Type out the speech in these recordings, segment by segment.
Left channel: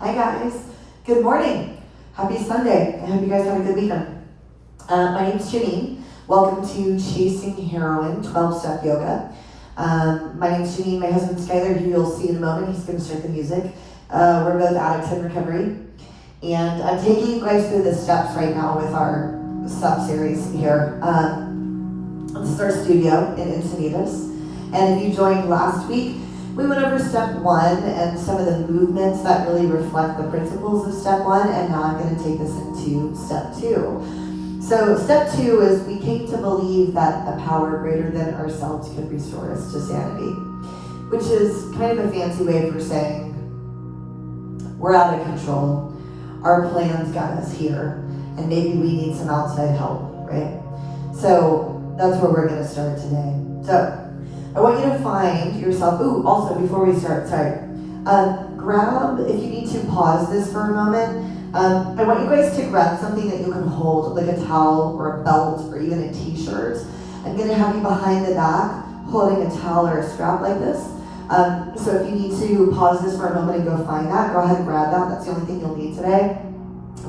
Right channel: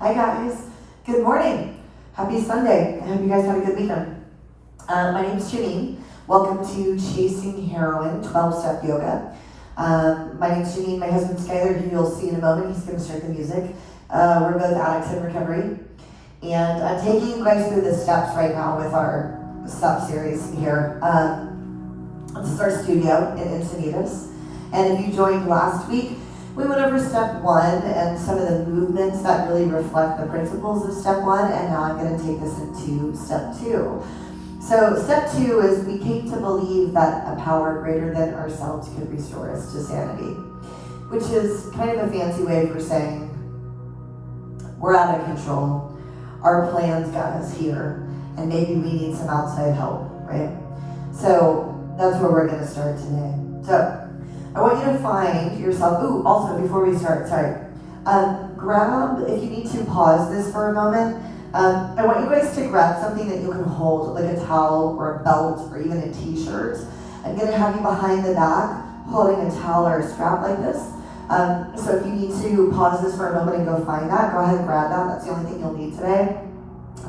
Hi guys, good morning. Happy Sunday. I hope you guys had a good weekend. My name's Janine. Welcome to Chasing Heroin 12-Step Yoga. My name's Janine, my husband Skyler, who you'll see in a moment. He's going to start the music. We're both addicts in recovery. And I'm taking you guys through the steps right now with our step series here. This is our studio in Encinitas. And if you joined last week, we went over step 1 and some of the movements that really reflect the principles of step 1, and now I'm going to take this into step 2. So step 2 is we came to believe that a power greater than ourselves could restore us to sanity, which is kind of a fancy way for saying we're out of control, our plans got us here, and maybe we need some outside help, right? So that's where we're going to start today. So I want you to find yourself, also before we start, grab, if you need to pause this for a moment, I want you guys to grab something that you can hold, like a towel or a belt or even a t-shirt. I'm going to have you behind the back holding a towel or a strap like this. So if you need to pause this for a moment and go find that, go ahead and grab that. That's the only thing you'll need today.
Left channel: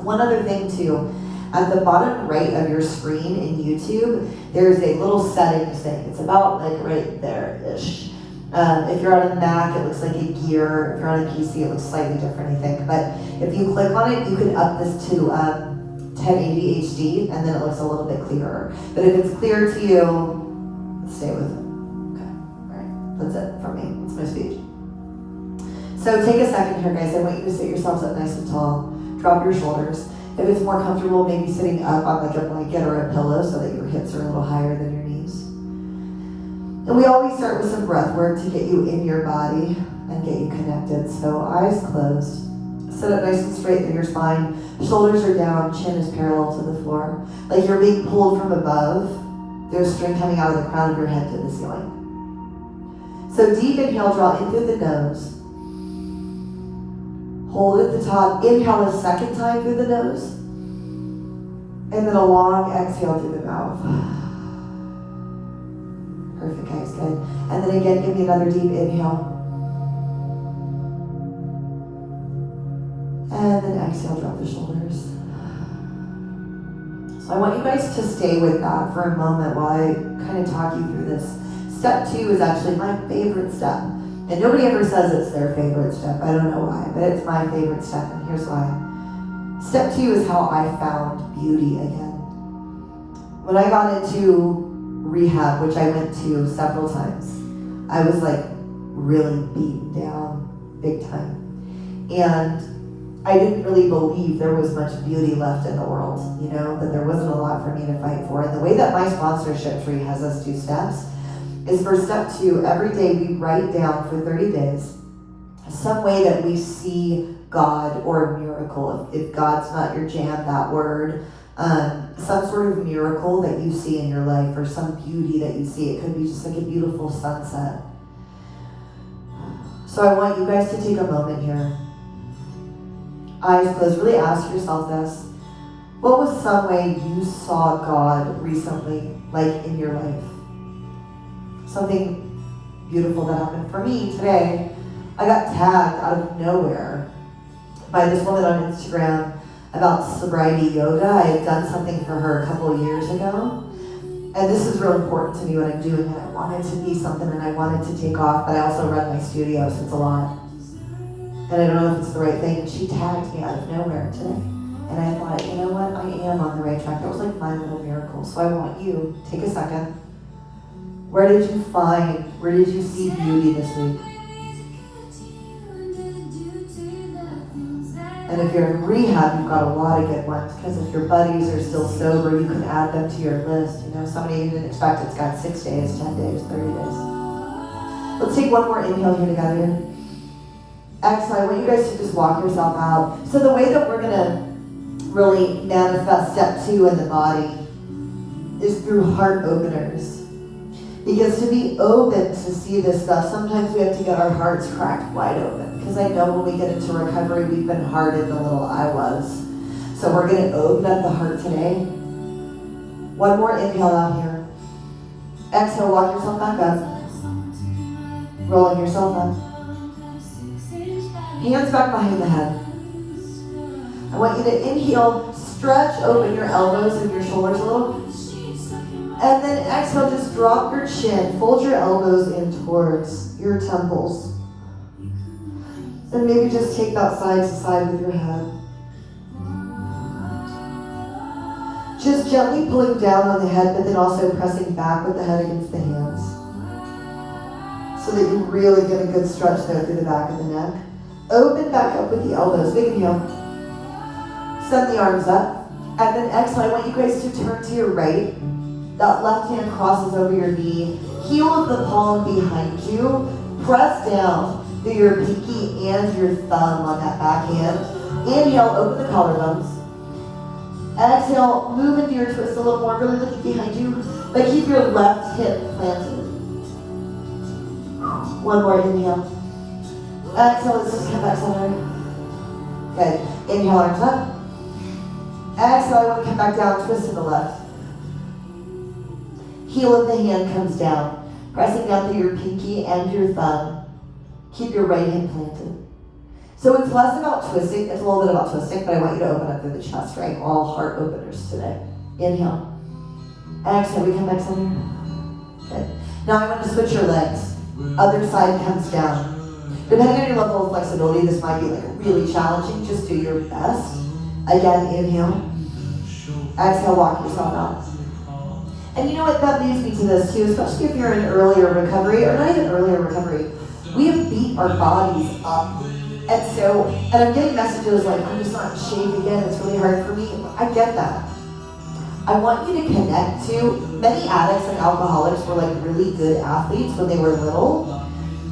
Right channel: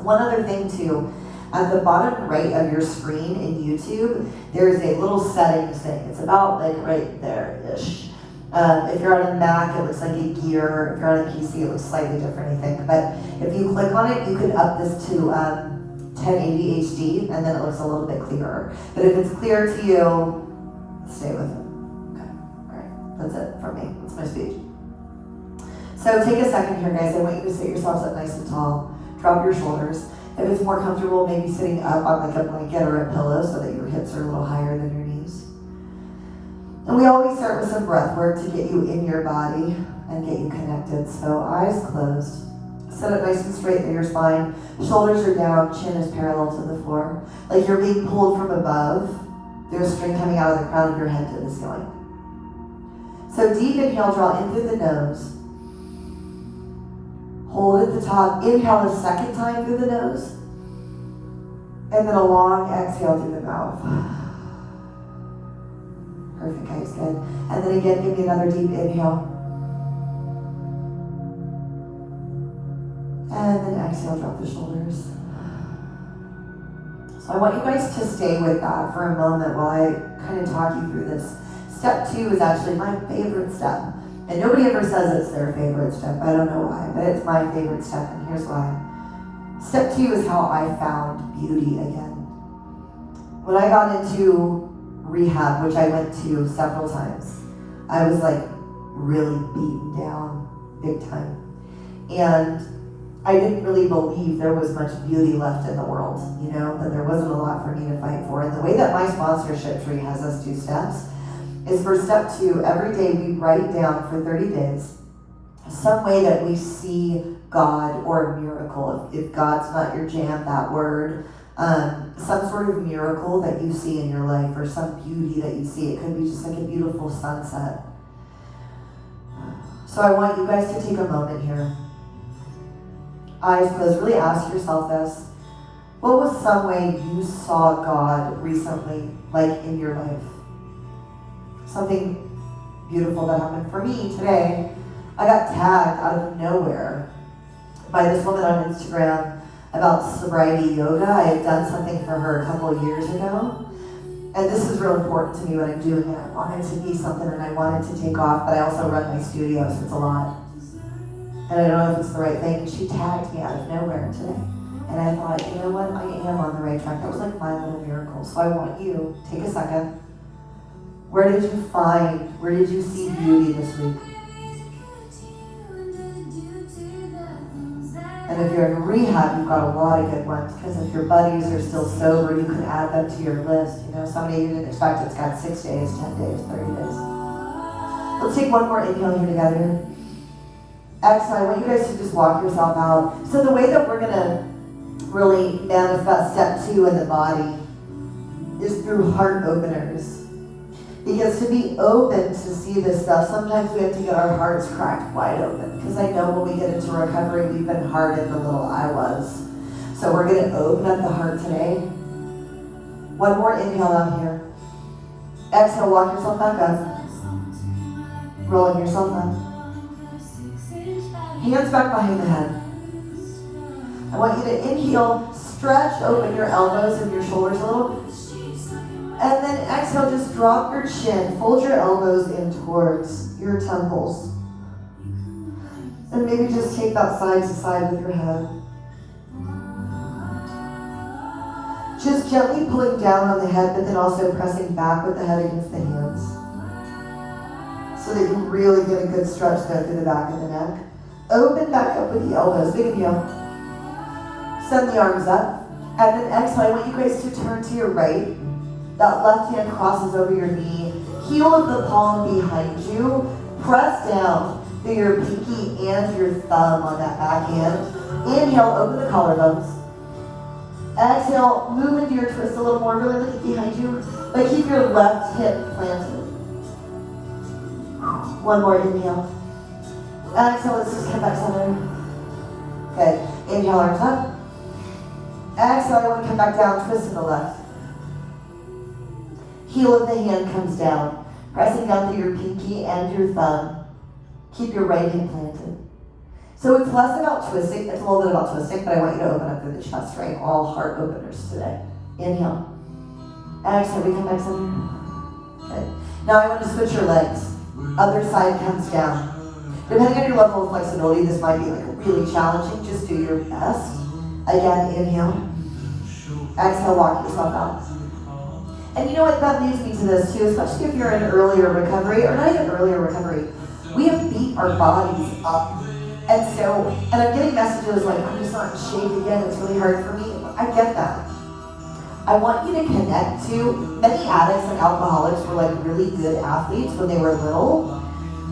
One other thing too, at the bottom right of your screen in YouTube, there's a little settings thing. It's about like right there-ish. If you're on a Mac, it looks like a gear. If you're on a PC, it looks slightly different, I think. But if you click on it, you can up this to 1080 HD, and then it looks a little bit clearer. But if it's clear to you, stay with it. Okay, all right, that's it for me. That's my speech. So take a second here, guys. I want you to sit yourselves up nice and tall. Drop your shoulders. If it's more comfortable, maybe sitting up on like a blanket or a pillow so that your hips are a little higher than your knees. And we always start with some breath work to get you in your body and get you connected. So eyes closed. Sit up nice and straight in your spine. Shoulders are down, chin is parallel to the floor. Like you're being pulled from above. There's string coming out of the crown of your head to the ceiling. So deep inhale, draw in through the nose. Hold at the top. Inhale a second time through the nose. And then a long exhale through the mouth. Perfect, guys, good. And then again, give me another deep inhale. And then exhale, drop the shoulders. So I want you guys to stay with that for a moment while I kind of talk you through this. Step 2 is actually my favorite step. And nobody ever says it's their favorite step. I don't know why, but it's my favorite step, and here's why. Step 2 is how I found beauty again. When I got into rehab, which I went to several times, I was like really beaten down big time. And I didn't really believe there was much beauty left in the world, you know, that there wasn't a lot for me to fight for. And the way that my sponsorship tree has us do steps is for step 2, every day we write down for 30 days some way that we see God or a miracle. If God's not your jam, that word, some sort of miracle that you see in your life or some beauty that you see. It could be just like a beautiful sunset. So I want you guys to take a moment here. Eyes closed, really ask yourself this. What was some way you saw God recently, like in your life? Something beautiful that happened for me today. I got tagged out of nowhere by this woman on Instagram about sobriety yoga. I had done something for her a couple of years ago. And this is real important to me when I'm doing it. I want it to be something and I want it to take off, but I also run my studio, so it's a lot. And I don't know if it's the right thing. She tagged me out of nowhere today. And I thought, you know what? I am on the right track. That was like my little miracle. So I want you, take a second. Where did you see beauty this week? And if you're in rehab, you've got a lot of good ones, because if your buddies are still sober, you can add them to your list. You know, somebody you didn't expect, it's got 6 days, 10 days, 30 days. Let's take one more inhale here together. Exhale, I want you guys to just walk yourself out. So the way that we're going to really manifest step 2 in the body is through heart openers. Because to be open to see this stuff, sometimes we have to get our hearts cracked wide open. Because I know when we get into recovery, we've been hardened the little I was. So we're going to open up the heart today. One more inhale out here. Exhale, walk yourself back up. Rolling yourself up. Hands back behind the head. I want you to inhale, stretch open your elbows and your shoulders a little. And then exhale, just drop your chin, fold your elbows in towards your temples. And maybe just take that side to side with your head. Just gently pulling down on the head, but then also pressing back with the head against the hands. So that you really get a good stretch there through the back of the neck. Open back up with the elbows. Big inhale. Send the arms up. And then exhale, I want you guys to turn to your right. That left hand crosses over your knee. Heel of the palm behind you. Press down through your pinky and your thumb on that back hand. Inhale, open the collarbones. Exhale, move into your twist a little more. Really look behind you. But keep your left hip planted. One more inhale. Exhale, let's just come back center. Good. Inhale, arms up. Exhale, I want to come back down, twist to the left. Heel of the hand comes down. Pressing down through your pinky and your thumb. Keep your right hand planted. So it's less about twisting, it's a little bit about twisting, but I want you to open up through the chest, right? All heart openers today. Inhale. Exhale, we come back center. Good. Now I want to switch your legs. Other side comes down. Depending on your level of flexibility, this might be like really challenging. Just do your best. Again, inhale. Exhale, walk yourself out. And you know what, that leads me to this too, especially if you're in earlier recovery, or not even earlier recovery. We have beat our bodies up. And I'm getting messages like, I'm just not in shape again, it's really hard for me. I get that. I want you to connect to, many addicts and alcoholics were like really good athletes when they were little,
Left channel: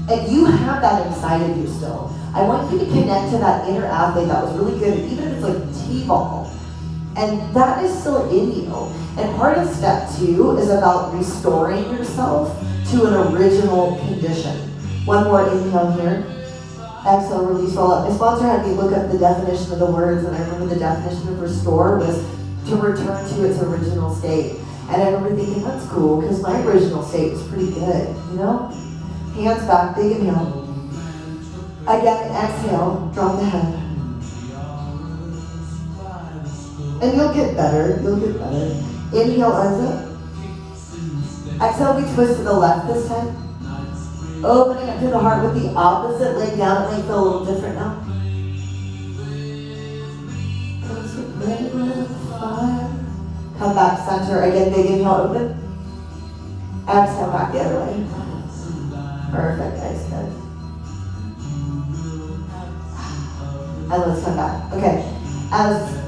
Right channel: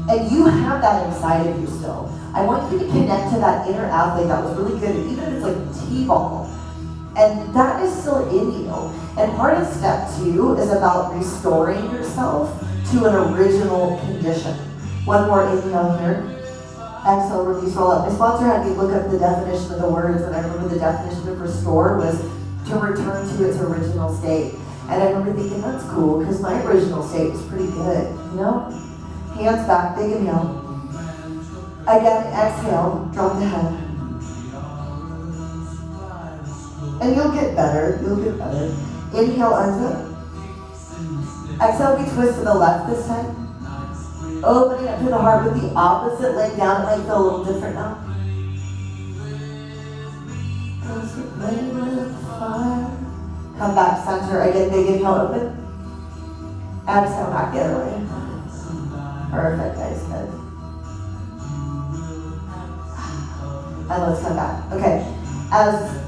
and you have that inside of you still. I want you to connect to that inner athlete that was really good, even if it's like T-ball. And that is still in you. And part of step 2 is about restoring yourself to an original condition. One more inhale here. Exhale, release, roll up. My sponsor had me look up the definition of the words, and I remember the definition of restore was to return to its original state. And I remember thinking, that's cool, because my original state was pretty good, you know? Hands back, big inhale. Again, exhale, drop the head. And you'll get better, you'll get better. Inhale, arms up. Exhale, we twist to the left this time. Opening up to the heart with the opposite leg down. It might feel a little different now. Come back center. Again, big inhale, open. Exhale, back the other way. Perfect, guys, good. And let's come back. Okay, as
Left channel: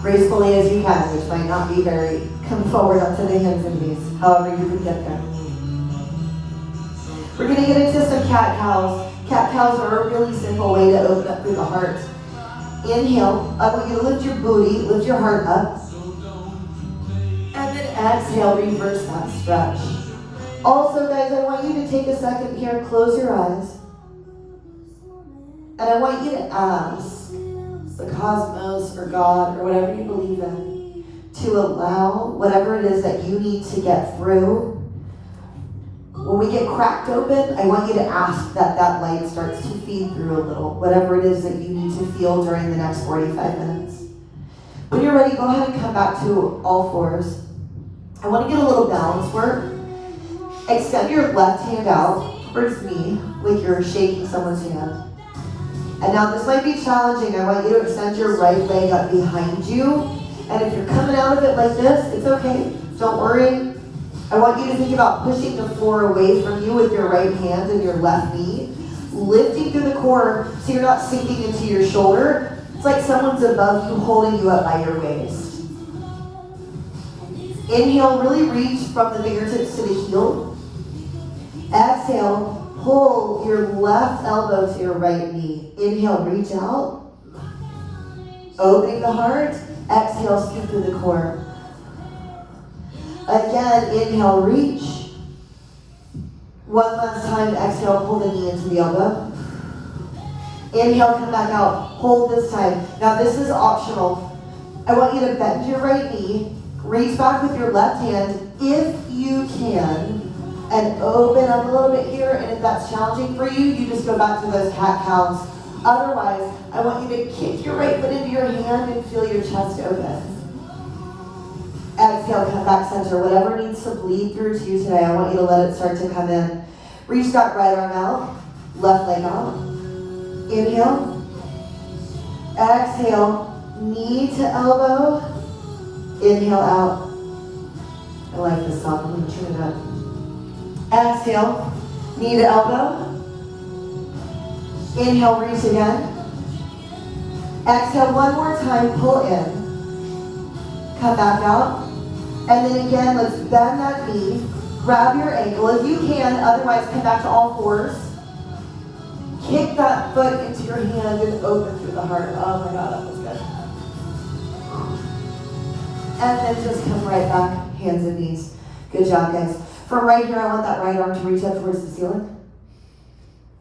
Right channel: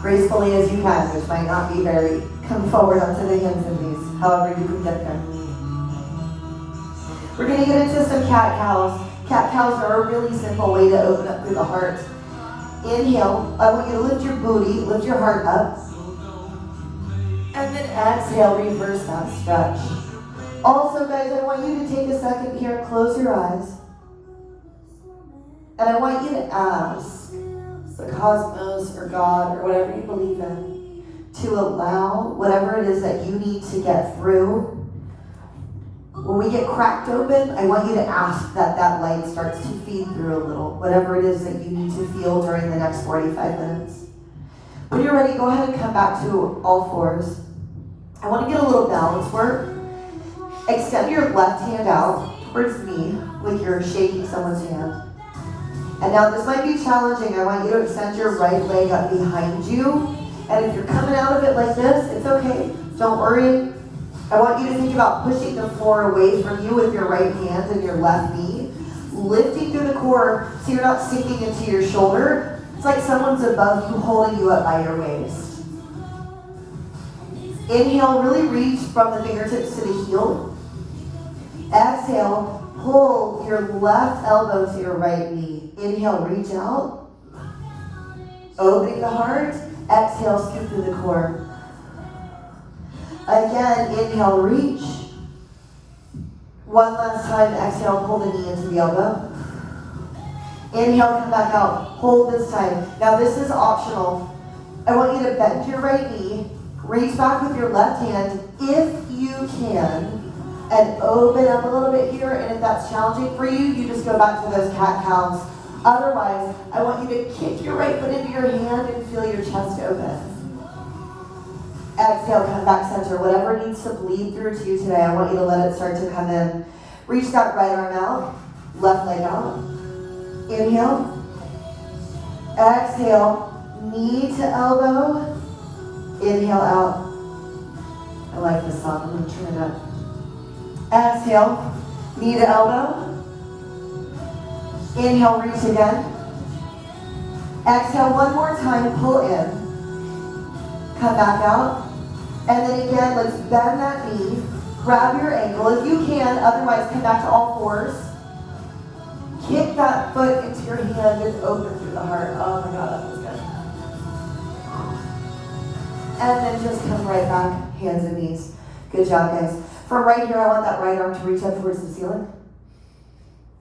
gracefully as you can, which might not be very, come forward onto the hands and knees, however you can get there. We're going to get into some cat-cows. Cat-cows are a really simple way to open up through the heart. Inhale. I want you to lift your booty, lift your heart up. And then exhale, reverse that stretch. Also, guys, I want you to take a second here, close your eyes. And I want you to ask the cosmos or God or whatever you believe in to allow whatever it is that you need to get through. When we get cracked open, I want you to ask that that light starts to feed through a little, whatever it is that you need to feel during the next 45 minutes. When you're ready, go ahead and come back to all fours. I want to get a little balance work. Extend your left hand out towards me like you're shaking someone's hand. And now this might be challenging. I want you to extend your right leg up behind you. And if you're coming out of it like this, it's okay. Don't worry. I want you to think about pushing the floor away from you with your right hand and your left knee. Lifting through the core so you're not sinking into your shoulder. It's like someone's above you holding you up by your waist. Inhale, really reach from the fingertips to the heel. Exhale, pull your left elbow to your right knee. Inhale, reach out. Opening the heart. Exhale, scoop through the core. Again, inhale, reach. One last time, exhale, pull the knee into the elbow. Inhale, come back out. Hold this time. Now this is optional. I want you to bend your right knee, reach back with your left hand, if you can, and open up a little bit here. And if that's challenging for you, you just go back to those cat-cows Otherwise, I want you to kick your right foot into your hand and feel your chest open. Exhale, come back center. Whatever needs to bleed through to you today, I want you to let it start to come in. Reach that right arm out, left leg out. Inhale. Exhale, knee to elbow. Inhale out. I like this song, I'm gonna tune it up. Exhale, knee to elbow. Inhale, reach again. Exhale one more time, pull in. Come back out. And then again, let's bend that knee. Grab your ankle if you can, otherwise come back to all fours. Kick that foot into your hand and open through the heart. Oh my God, that was good. And then just come right back, hands and knees. Good job, guys. From right here, I want that right arm to reach up towards the ceiling.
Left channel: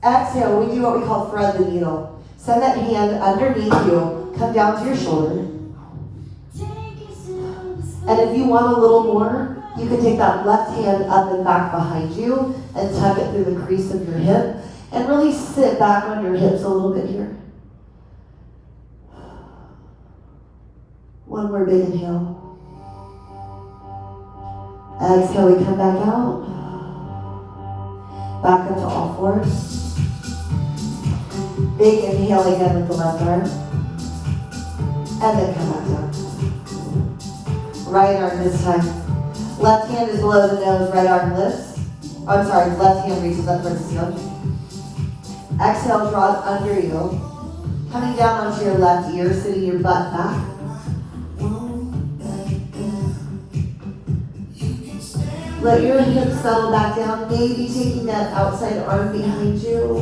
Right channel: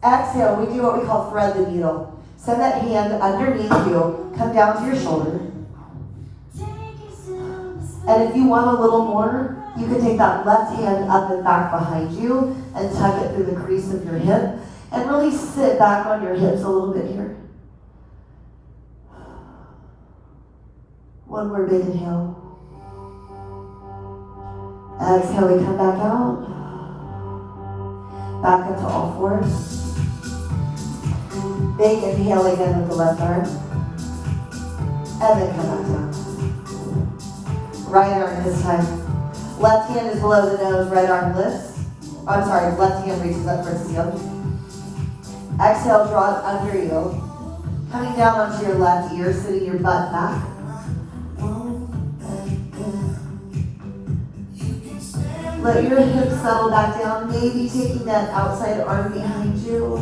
Exhale, we do what we call thread the needle. Send that hand underneath you, come down to your shoulder. And if you want a little more, you can take that left hand up and back behind you and tuck it through the crease of your hip and really sit back on your hips a little bit here. One more big inhale. Exhale, we come back out. Back up to all fours. Big inhale again with the left arm. And then come back down. Right arm this time. Left hand is below the nose, right arm lifts. I'm sorry, left hand reaches up towards the ceiling. Exhale, draw it under you. Coming down onto your left ear, sitting your butt back. Let your hips settle back down, maybe taking that outside arm behind you.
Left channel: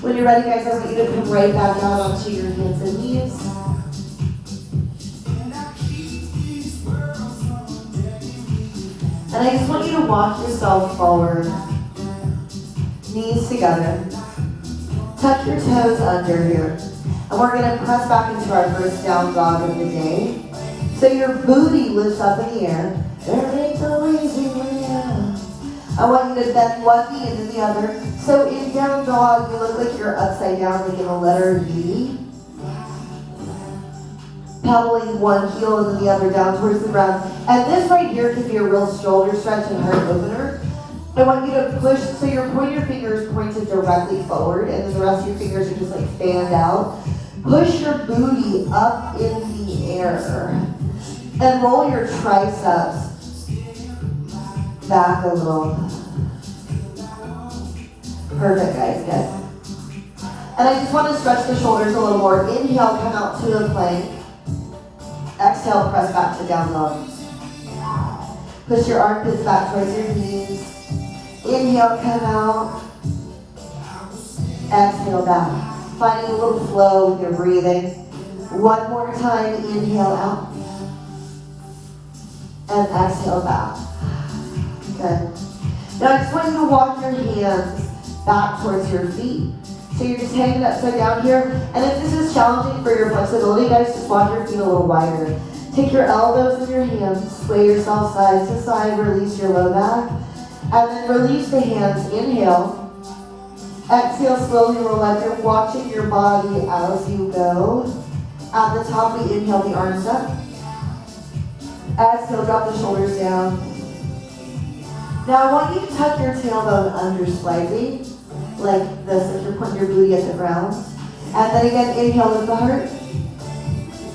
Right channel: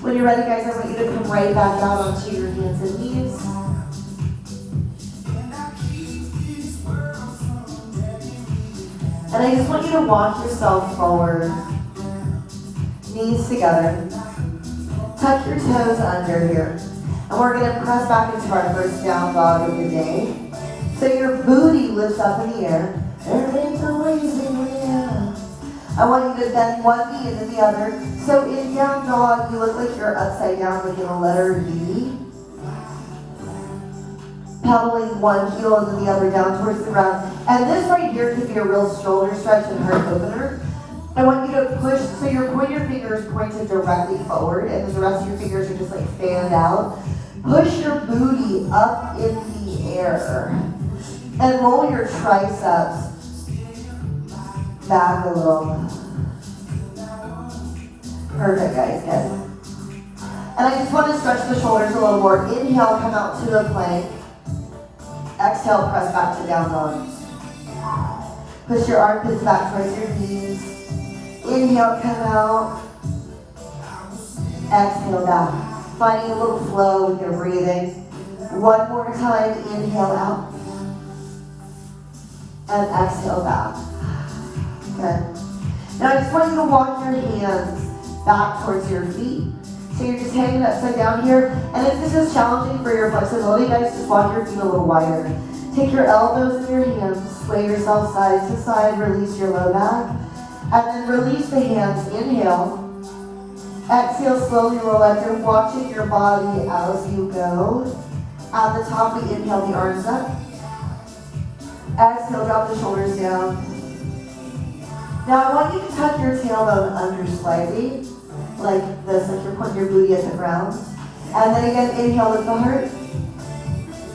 When you're ready, guys, I want you to come right back out onto your hands and knees. And I just want you to walk yourself forward. Knees together. Tuck your toes under here. And we're going to press back into our first down dog of the day. So your booty lifts up in the air. There ain't always a way out. I want you to bend one knee into the other. So in down dog, you look like you're upside down, like in a letter V. Pedaling one heel into the other down towards the ground. And this right here could be a real shoulder stretch and heart opener. I want you to push, so your pointer finger is pointed directly forward, and then the rest of your fingers are just like fanned out. Push your booty up in the air. And roll your triceps back a little. Perfect, guys, good. And I just want to stretch the shoulders a little more. Inhale, come out to the plank. Exhale, press back to down dog. Push your armpits back towards your knees. Inhale, come out. Exhale, back. Finding a little flow with your breathing. One more time, inhale out. And exhale back. Good. Now I just want you to walk your hands back towards your feet. So you're just hanging upside down here. And if this is challenging for your flexibility, guys, just walk your feet a little wider. Take your elbows in your hands, sway yourself side to side, release your low back. And then release the hands, inhale. Exhale, slowly roll up. You're watching your body as you go. At the top, we inhale the arms up. Exhale, drop the shoulders down. Now I want you to tuck your tailbone under slightly, like this, like you're putting your booty at the ground. And then again, inhale, lift the heart.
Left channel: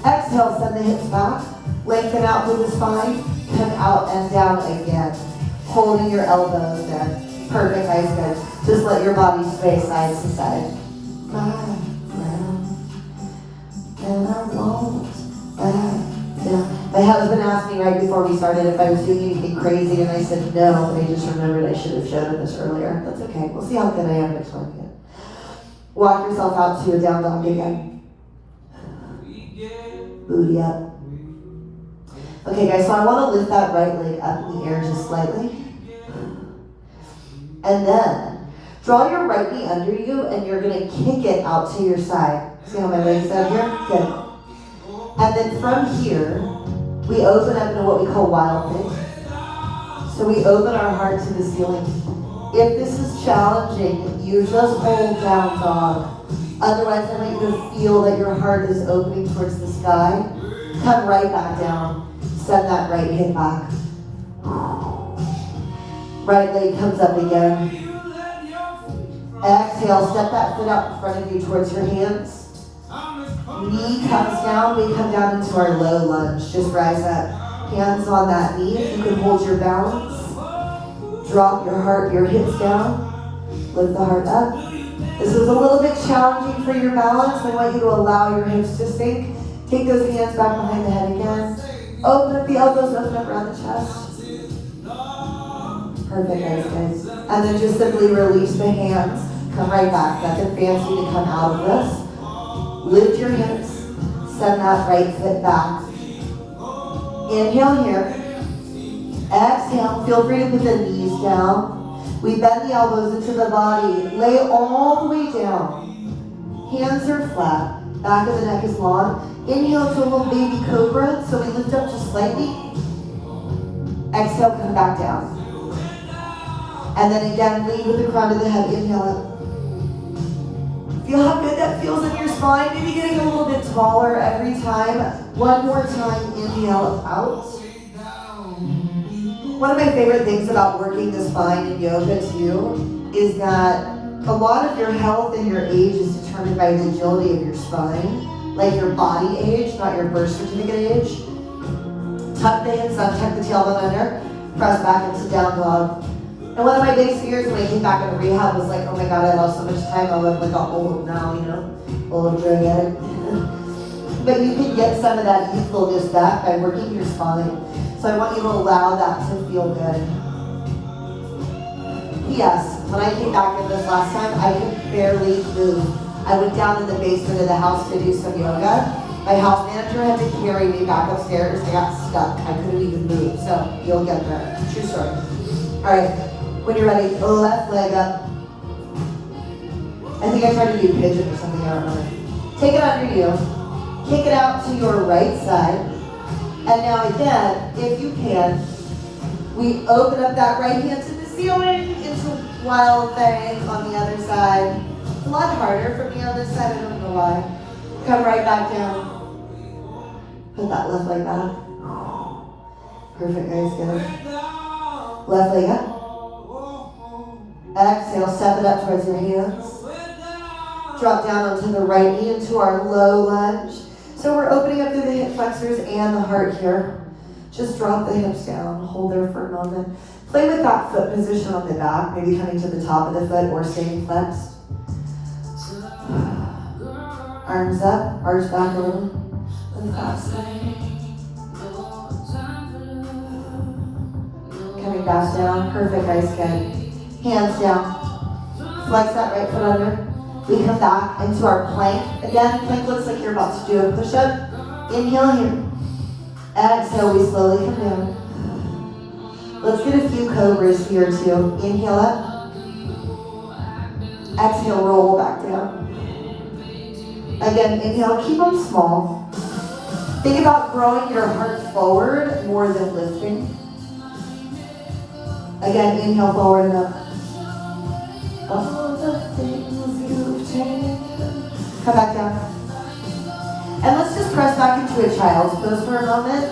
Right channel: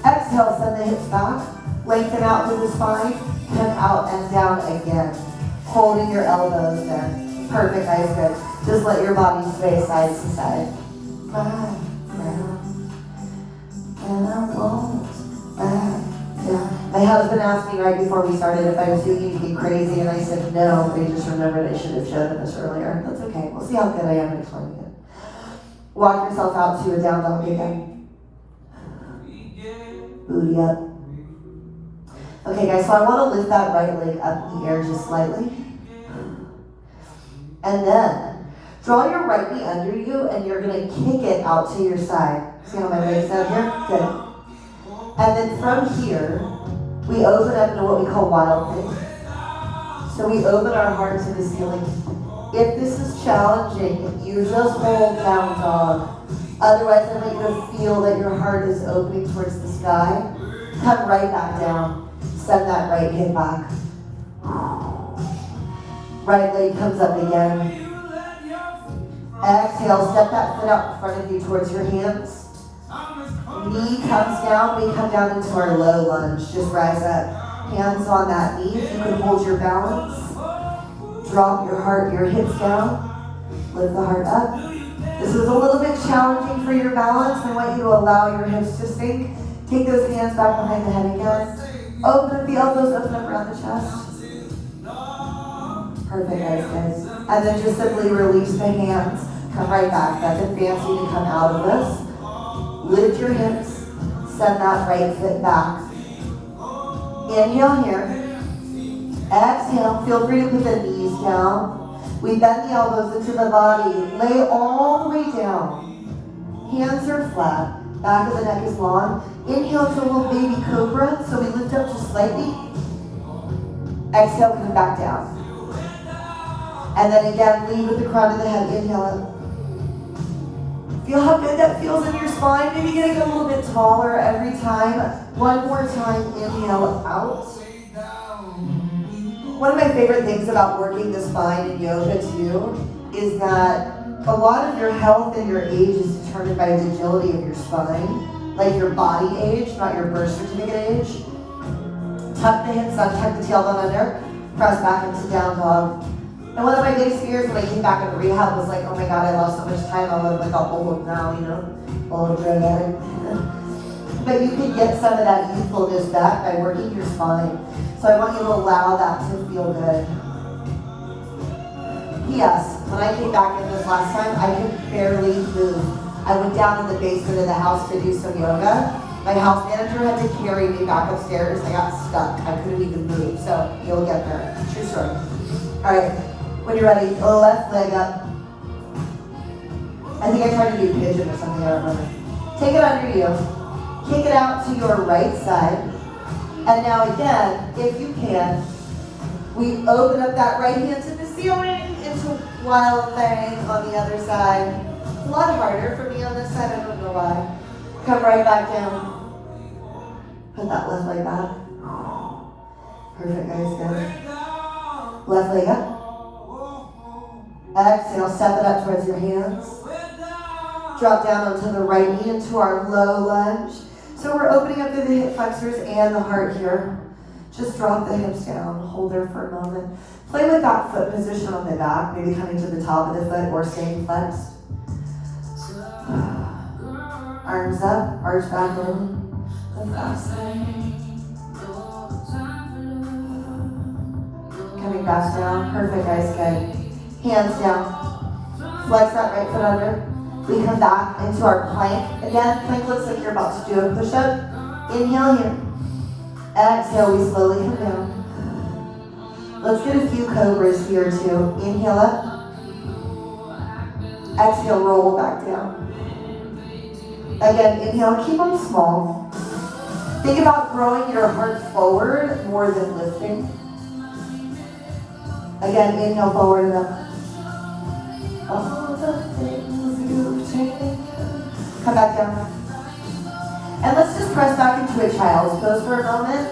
Exhale, send the hips back. Lengthen out through the spine. Come out and down again. Holding your elbows there. Perfect, guys, good. Just let your body sway side to side. And I won't back down. My husband asked me right before we started if I was doing anything crazy, and I said no. I just remembered I should have shown him this earlier. That's okay. We'll see how good I am at explaining it. Walk yourself out to a down dog again. Booty up. Okay, guys, so I want to lift that right leg up in the air just slightly. And then draw your right knee under you, and you're going to kick it out to your side. See how my leg's out here? Good. And then from here, we open up into what we call wild thing. So we open our heart to the ceiling. If this is challenging, you just hold down dog. Otherwise, I want you to feel that your heart is opening towards the sky. Come right back down. Send that right hip back. Right leg comes up again. Exhale, step that foot out in front of you towards your hands. Knee comes down, we come down into our low lunge. Just rise up. Hands on that knee, if you can hold your balance. Drop your heart, your hips down. Lift the heart up. This is a little bit challenging for your balance. I want you to allow your hips to sink. Take those hands back behind the head again. Open up the elbows, open up around the chest. Perfect, guys. And then just simply release the hands. Come right back. Nothing fancy to come out of this. Lift your hips. Send that right foot back. Inhale here. Exhale. Feel free to put the knees down. We bend the elbows into the body. Lay all the way down. Hands are flat. Back of the neck is long. Inhale to a little baby cobra. So we lift up just slightly. Exhale, come back down. And then again, lead with the crown of the head. Inhale up. Feel how good that feels in your spine. Maybe getting a little bit taller every time. One more time. Inhale out. One of my favorite things about working the spine in yoga too is that a lot of your health and your age is determined by the agility of your spine, like your body age, not your birth certificate age. Tuck the hips up, tuck the tailbone under, press back into down dog. And one of my biggest fears when I came back into rehab was like, oh my God, I lost so much time. I look like an old now, old drug addict. But you can get some of that youthfulness back by working your spine. So I want you to allow that to feel good. Yes, when I came back in this last time, I could barely move. I went down in the basement of the house to do some yoga. My house manager had to carry me back upstairs. I got stuck. I couldn't even move. So you'll get there. True story. All right. When you're ready, left leg up. I think I tried to do pigeon or something, I don't know. Take it under you. Kick it out to your right side. And now again, if you can, we open up that right hand to the ceiling into a wild thing on the other side. A lot harder for me on this side, I don't know why. Come right back down. Put that left leg back. Perfect, guys, good. Left leg up. Exhale, step it up towards your hands. Drop down onto the right knee into our low lunge. So we're opening up through the hip flexors and the heart here. Just drop the hips down, hold there for a moment. Play with that foot position on the back, maybe coming to the top of the foot or staying flexed. Arms up, arch back a little. Coming back down, perfect, guys, good. Hands down. Flex that right foot under. We come back into our plank. Again, plank looks like you're about to do a push-up. Inhale here. Exhale, we slowly come down. Let's get a few cobras here too. Inhale up. Exhale, roll back down. Again, inhale, keep them small. Think about growing your heart forward more than lifting. Again, inhale, forward and up. All the things you've taken. Come back down. And let's just press back into a child's pose for a moment.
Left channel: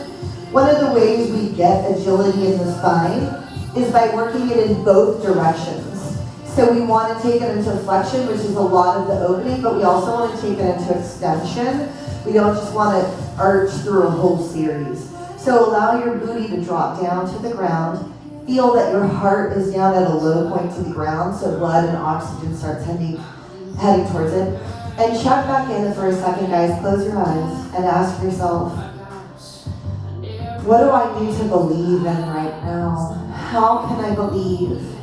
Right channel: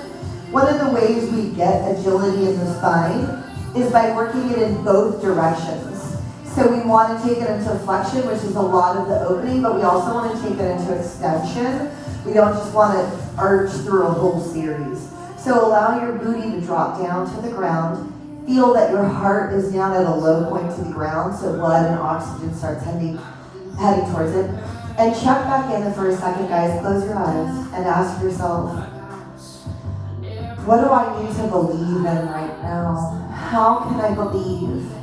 One of the ways we get agility in the spine is by working it in both directions. So we want to take it into flexion, which is a lot of the opening, but we also want to take it into extension. We don't just want to arch through a whole series. So allow your booty to drop down to the ground. Feel that your heart is down at a low point to the ground, so blood and oxygen starts heading towards it. And check back in for a second, guys. Close your eyes and ask yourself, what do I need to believe in right now? How can I believe?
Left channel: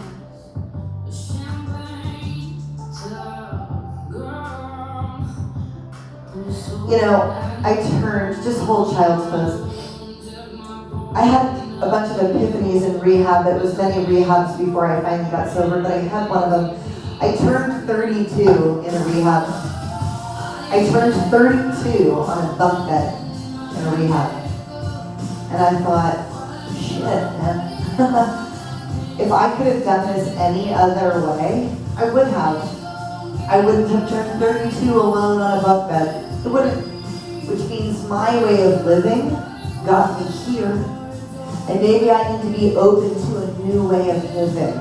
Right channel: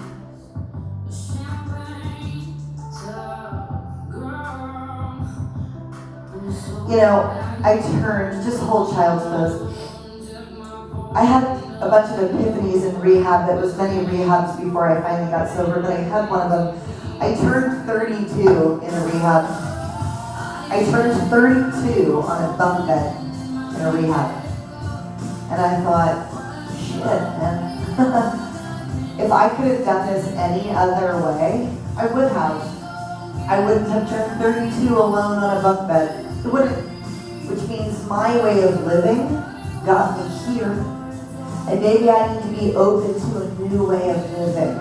I turned, just hold child's pose. I had a bunch of epiphanies in rehab. It was many rehabs before I finally got sober, but I had one of them. I turned 32 in a rehab. I turned 32 on a bunk bed in a rehab. And I thought, shit, man. If I could have done this any other way, I would have. I wouldn't have turned 32 alone on a bunk bed. It wouldn't. Which means my way of living got me here. And maybe I need to be open to a new way of living.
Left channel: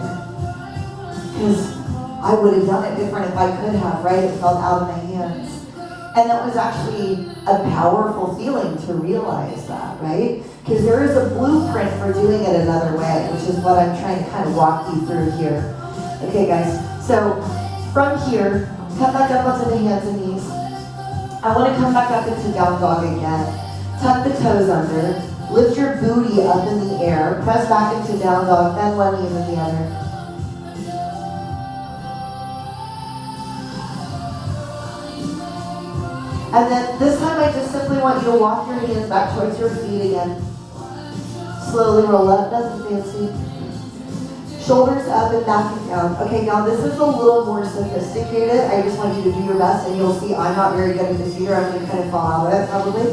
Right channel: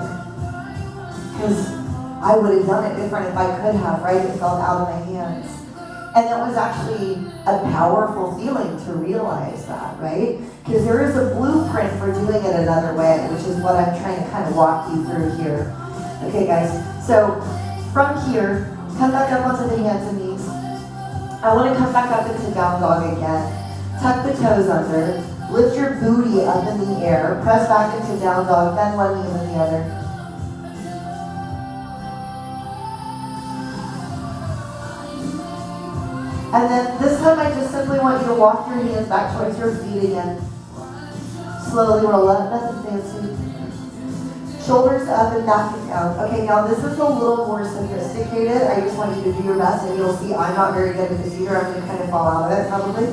Because I would have done it different if I could have, right? It felt out of my hands. And that was actually a powerful feeling to realize that, right? Because there is a blueprint for doing it another way, which is what I'm trying to kind of walk you through here. Okay, guys, so from here, come back up onto the hands and knees. I want to come back up into down dog again. Tuck the toes under. Lift your booty up in the air. Press back into down dog, then one knee and then the other. And then this time I just simply want you to walk your hands back towards your feet again. Slowly roll up, nothing fancy. Shoulders up and back and down. Okay, now this is a little more sophisticated. I just want you to do your best, and you'll see I'm not very good at this either. I'm going to kind of fall out of it probably.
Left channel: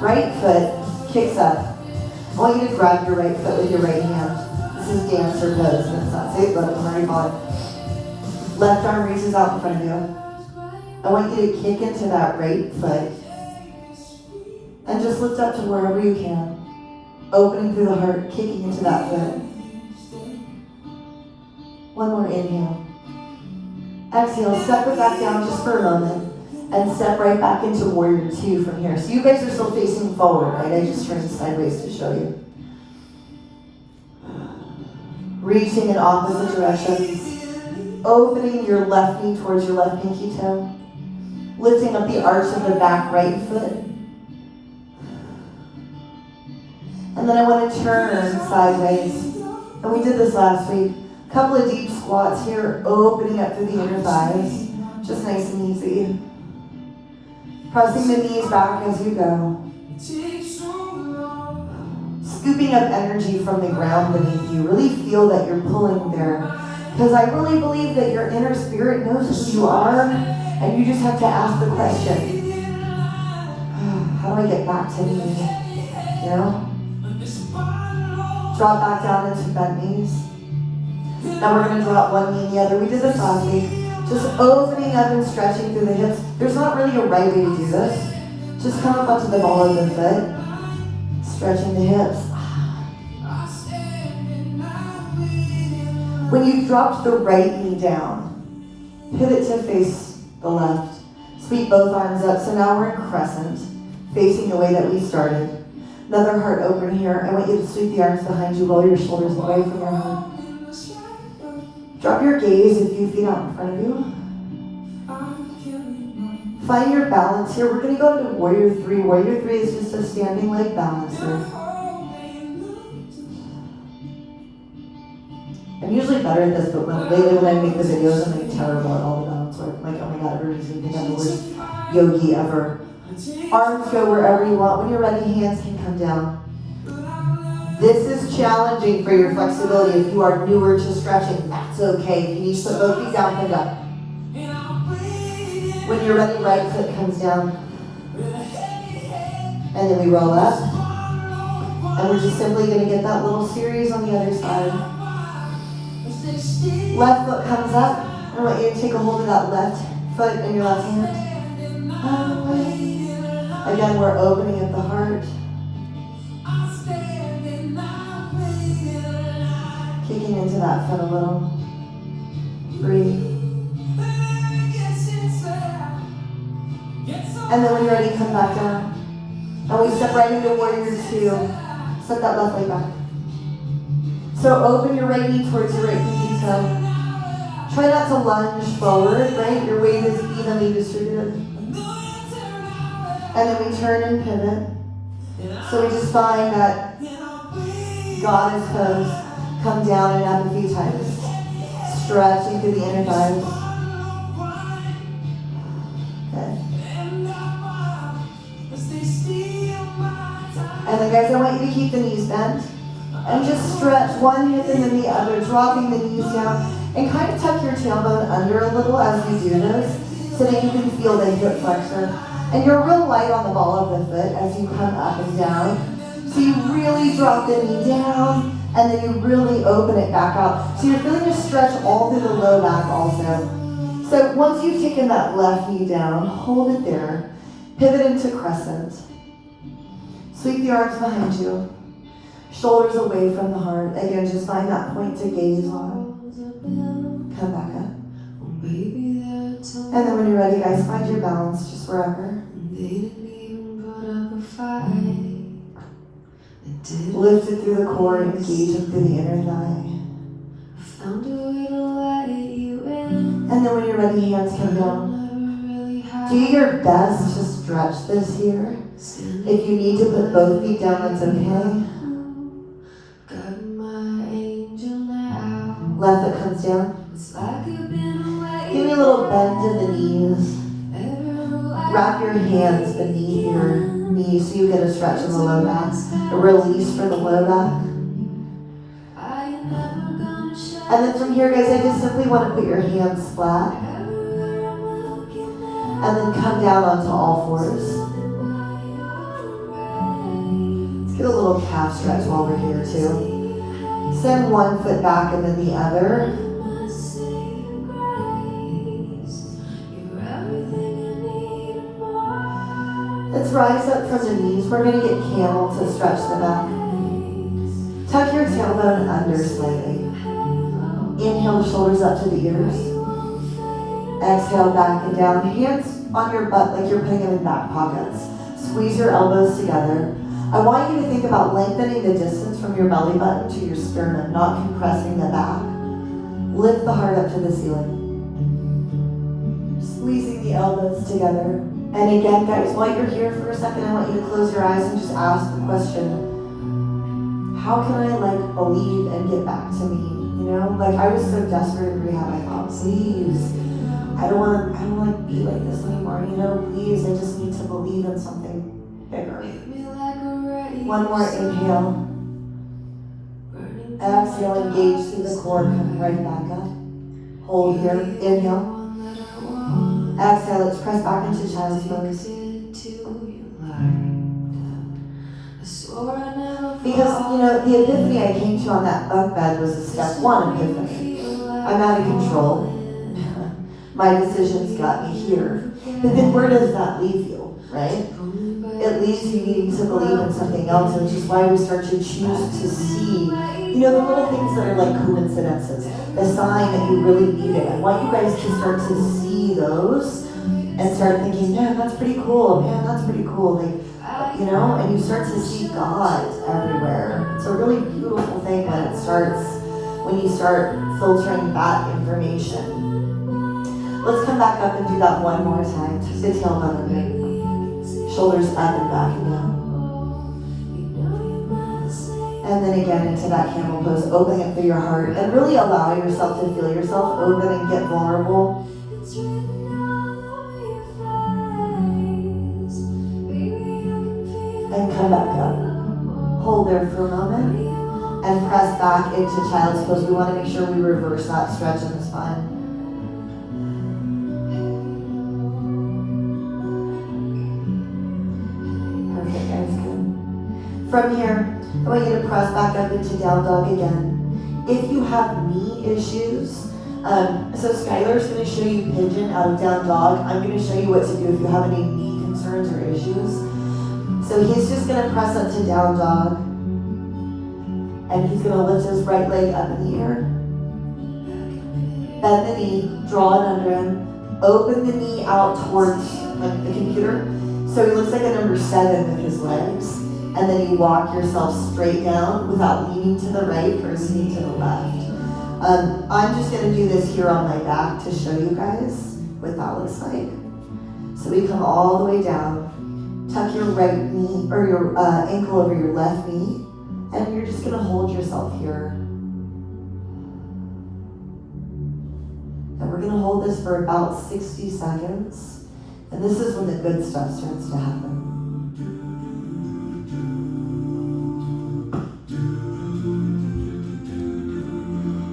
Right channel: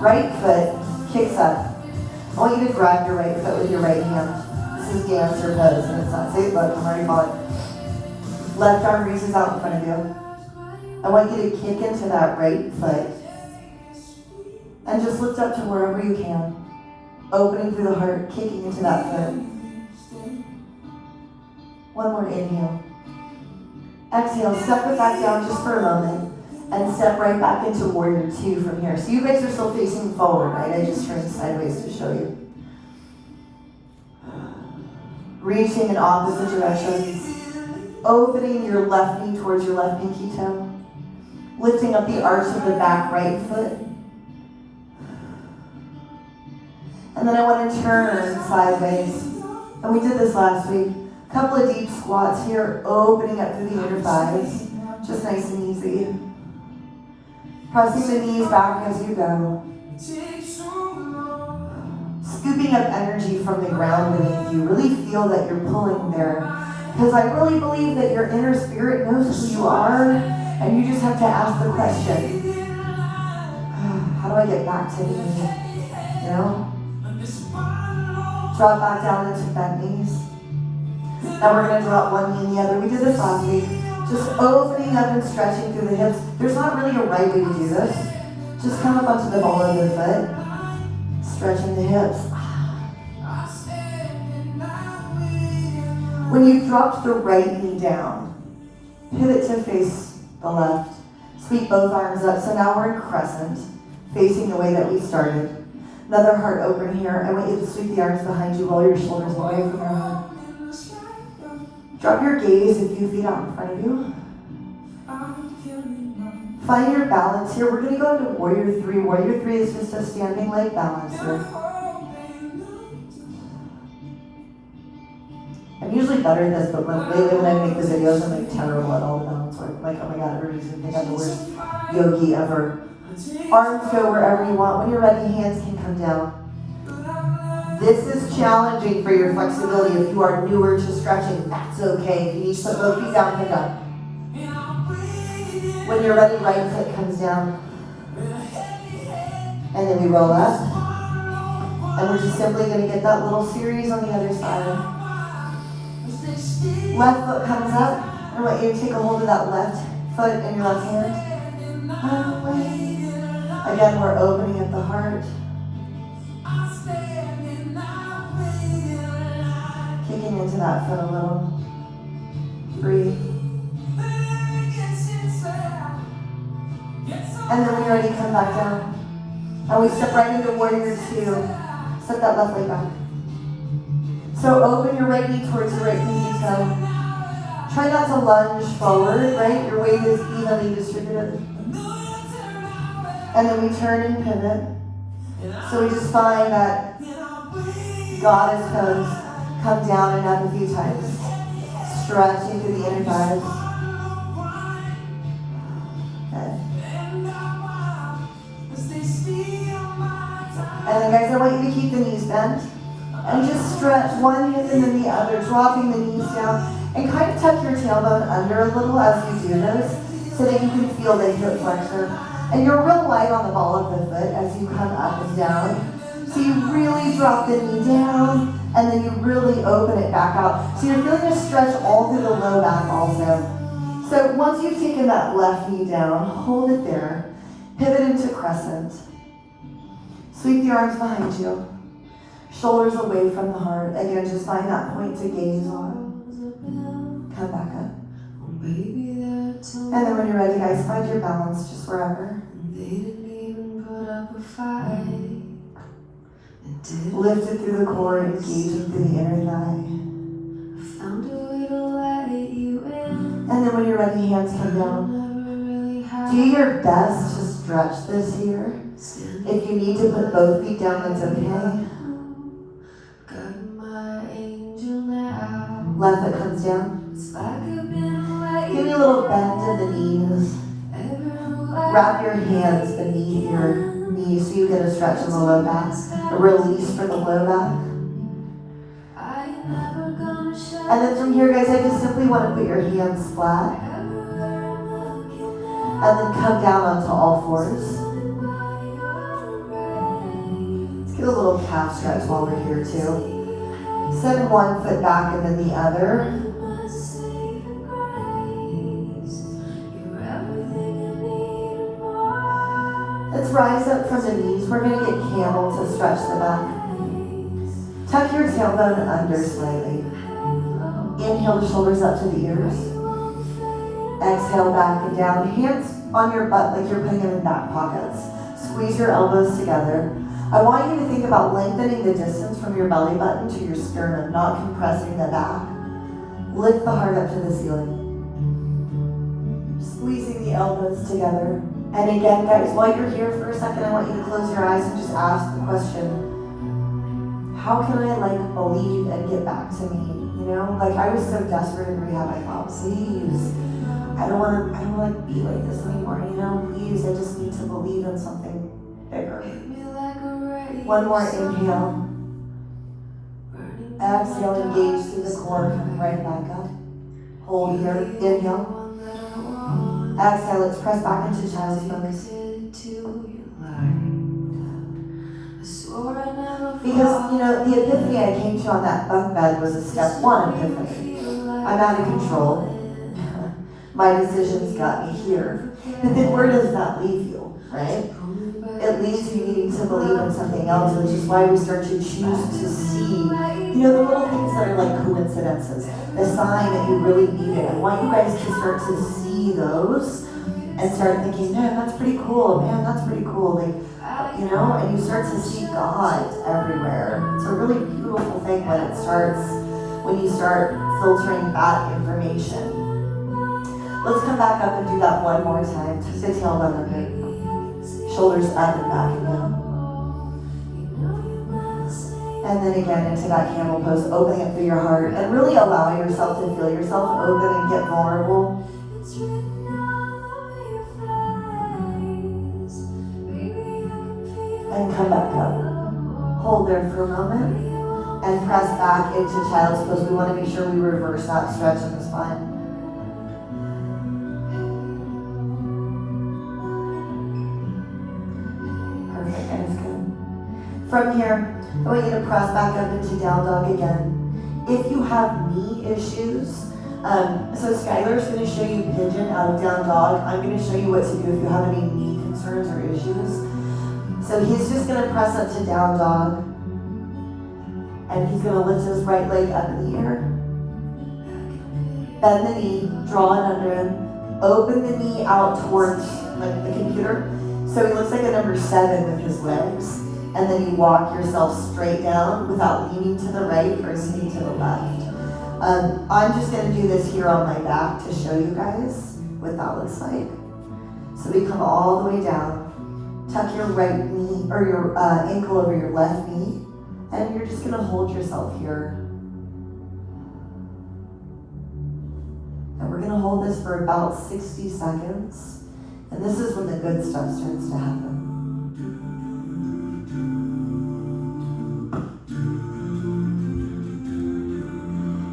Right foot kicks up. I want you to grab your right foot with your right hand. This is dancer pose, and it's not safe, but I'm already falling. Left arm reaches out in front of you. I want you to kick into that right foot and just lift up to wherever you can. Opening through the heart, kicking into that foot. One more inhale. Exhale, step it back down just for a moment and step right back into warrior two from here. So you guys are still facing forward, right? I just turned sideways to show you. Reaching in opposite directions. Opening your left knee towards your left pinky toe. Lifting up the arch of the back right foot. And then I want to turn sideways. And we did this last week. A couple of deep squats here, opening up through the inner thighs. Just nice and easy. Pressing the knees back as you go. Scooping up energy from the ground beneath you. Really feel that you're pulling there. Because I really believe that your inner spirit knows who you are. And you just have to ask the question, how do I get back to me? You know? Drop back down into bent knees. Now we're going to drop one knee and the other. We did this last week. Just opening up and stretching through the hips. There's not really a right way to do this. Just come up onto the ball of the foot. Stretching the hips. When you've dropped the right knee down, pivot to face the left. Sweep both arms up. So now we're in crescent, facing the way that we started. Another heart open here. I want you to sweep the arms behind you, roll your shoulders away from your heart. Drop your gaze a few feet out in front of you. Find your balance here. We're going to go into warrior three. Warrior three is just a standing leg balance here. I'm usually better at this, but lately when I make the videos, I'm like terrible at all the balance work. I'm like, oh my god, everybody's going to think I'm the worst yogi ever. Arms go wherever you want. When you're ready, hands can come down. This is challenging for your flexibility. If you are newer to stretching, that's okay. If you need to put both feet down, come down. When you're ready, right foot comes down. And then we roll up. And we're just simply going to get that little series on the other side. Left foot comes up. I want you to take a hold of that left foot in your left hand. Again, we're opening up the heart. Kicking into that foot a little. Breathe. And then when you're ready, come back down. And we step right into warrior two. Set that left leg back. So open your right knee towards your right pinky toe. Try not to lunge forward, right? Your weight is evenly distributed. And then we turn and pivot. So we just find that goddess pose. Come down and up a few times. Stretching through the inner thighs. Okay. And then guys, I want you to keep the knees bent. And just stretch one hip and then the other, dropping the knees down. And kind of tuck your tailbone under a little as we do this, so that you can feel the hip flexor. And you're real light on the ball of the foot as you come up and down. So you really drop the knee down And then you really open it back out. So you're feeling a stretch all through the low back also. So once you've taken that left knee down, hold it there. Pivot into crescent. Sweep the arms behind you. Shoulders away from the heart. Again, just find that point to gaze on. Come back up. And then when you're ready, guys, find your balance just wherever. Lift it through the core, engaging through the inner thigh. And then when you're ready, hands come down. Do your best to stretch this here. If you need to put both feet down, that's okay. Left foot comes down. Give me a little bend in the knees. Wrap your hands beneath your knees so you get a stretch in the low back. A release for the low back. And then from here, guys, I just simply want to put your hands flat. And then come down onto all fours. Let's get a little calf stretch while we're here too. Send one foot back and then the other. Let's rise up from the knees. We're going to get camel to stretch the back. Tuck your tailbone under slightly. Inhale, the shoulders up to the ears. Exhale, back and down. Hands on your butt like you're putting them in back pockets. Squeeze your elbows together. I want you to think about lengthening the distance from your belly button to your sternum, not compressing the back. Lift the heart up to the ceiling. Squeezing the elbows together. And again, guys, while you're here for a second, I want you to close your eyes and just ask the question, how can I believe and get back to me? You know, I was so desperate in rehab, I thought, please, I don't want to be like this anymore, you know, please, I just need to believe in something bigger. One more inhale. Exhale, engage through the core, come right back up. Hold here, inhale. Exhale, let's press back into child's pose. Because, you know, the epiphany I came to on that bunk bed was a step one epiphany. I'm out of control. My decisions got me here. But then where does that leave you, right? It leaves you needing to believe in something else, which is why we start to choose to see, you know, the little things that are like coincidences, the sign that you really need it. I want you guys to start to see those and start thinking, man, that's pretty cool. Man, that's pretty cool. You know, and you start to see God everywhere. It's a really beautiful thing when you start filtering that information. Let's come back up and do that one more time. Tuck the tailbone under. Shoulders up and back and down. And then again into that camel pose, opening up through your heart and really allow yourself to feel yourself open and get vulnerable. And come back up. Hold there for a moment and press back into child's pose. We want to make sure we reverse that stretch in the spine. Perfect, guys, good. From here, I want you to press back up into down dog again. If you have knee issues, so Skylar's going to show you pigeon out of down dog. I'm going to show you what to do if you have any knee concerns or issues. So he's just going to press up to down dog. And he's going to lift his right leg up in the air. Bend the knee, draw it under him. Open the knee out towards the computer. So he looks like a number 7 with his legs. And then you walk yourself straight down without leaning to the right or leaning to the left. I'm just going to do this here on my back to show you guys what that looks like. So we come all the way down. Tuck your right knee or your ankle over your left knee, and you're just going to hold yourself here. And we're going to hold this for about 60 seconds, and this is when the good stuff starts to happen.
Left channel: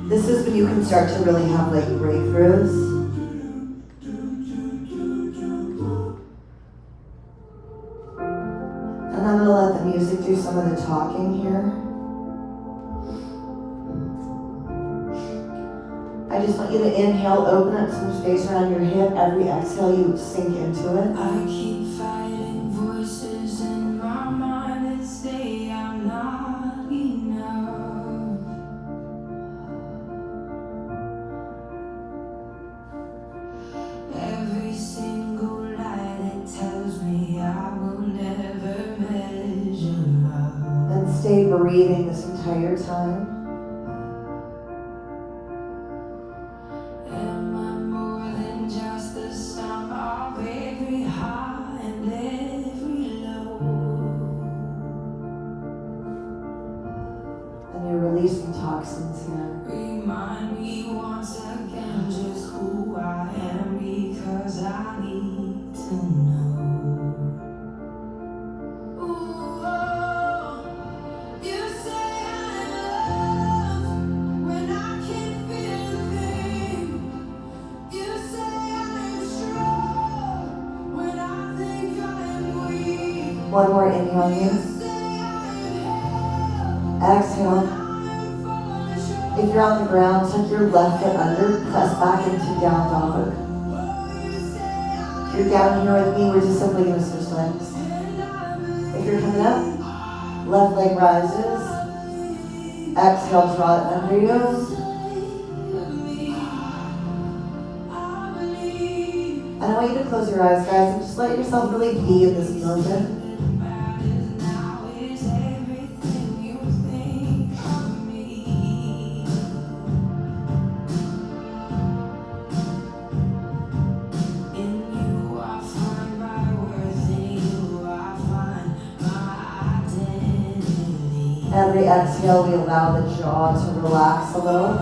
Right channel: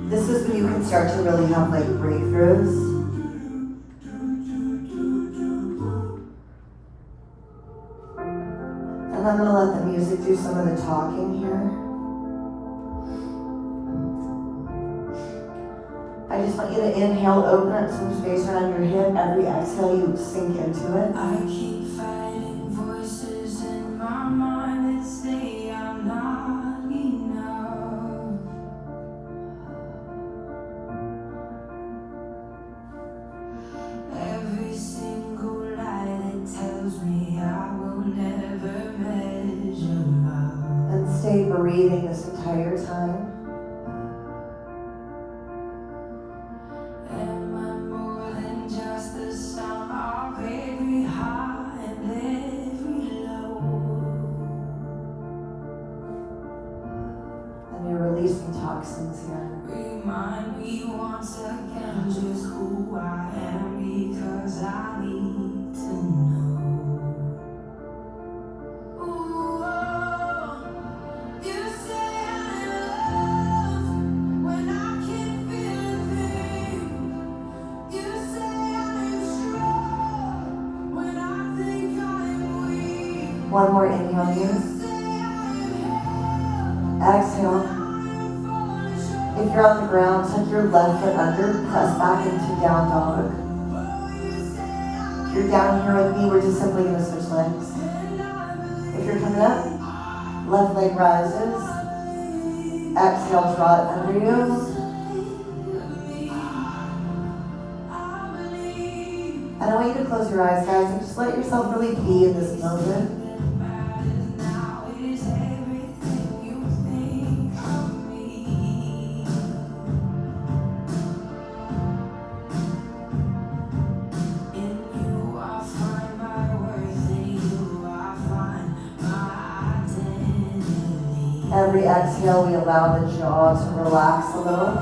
This is when you can start to really have breakthroughs. And I'm going to let the music do some of the talking here. I just want you to inhale, open up some space around your hip. Every exhale, you sink into it. I keep fighting voices in my mind that say I'm not enough. Every single lie that tells me I will never measure up. And stay breathing this entire time. Am I more than just the sum of every high and every low? And you're releasing toxins here. Remind me once again just who I am, because I need to know. Ooh, you say I'm in love when I can't feel a thing. You say I'm strong when I think I'm weak. One more inhale You here. say I'm in hell Exhale. when I'm falling short. If you're on the ground, tuck your left hip under, press back into down dog. If you're down here with me, we're just simply going to switch legs. If you're coming up, left leg rises. Exhale, draw it under you. And I want you to close your eyes, guys, and just let yourself really be in this moment. Every exhale, we allow the jaw to relax a little.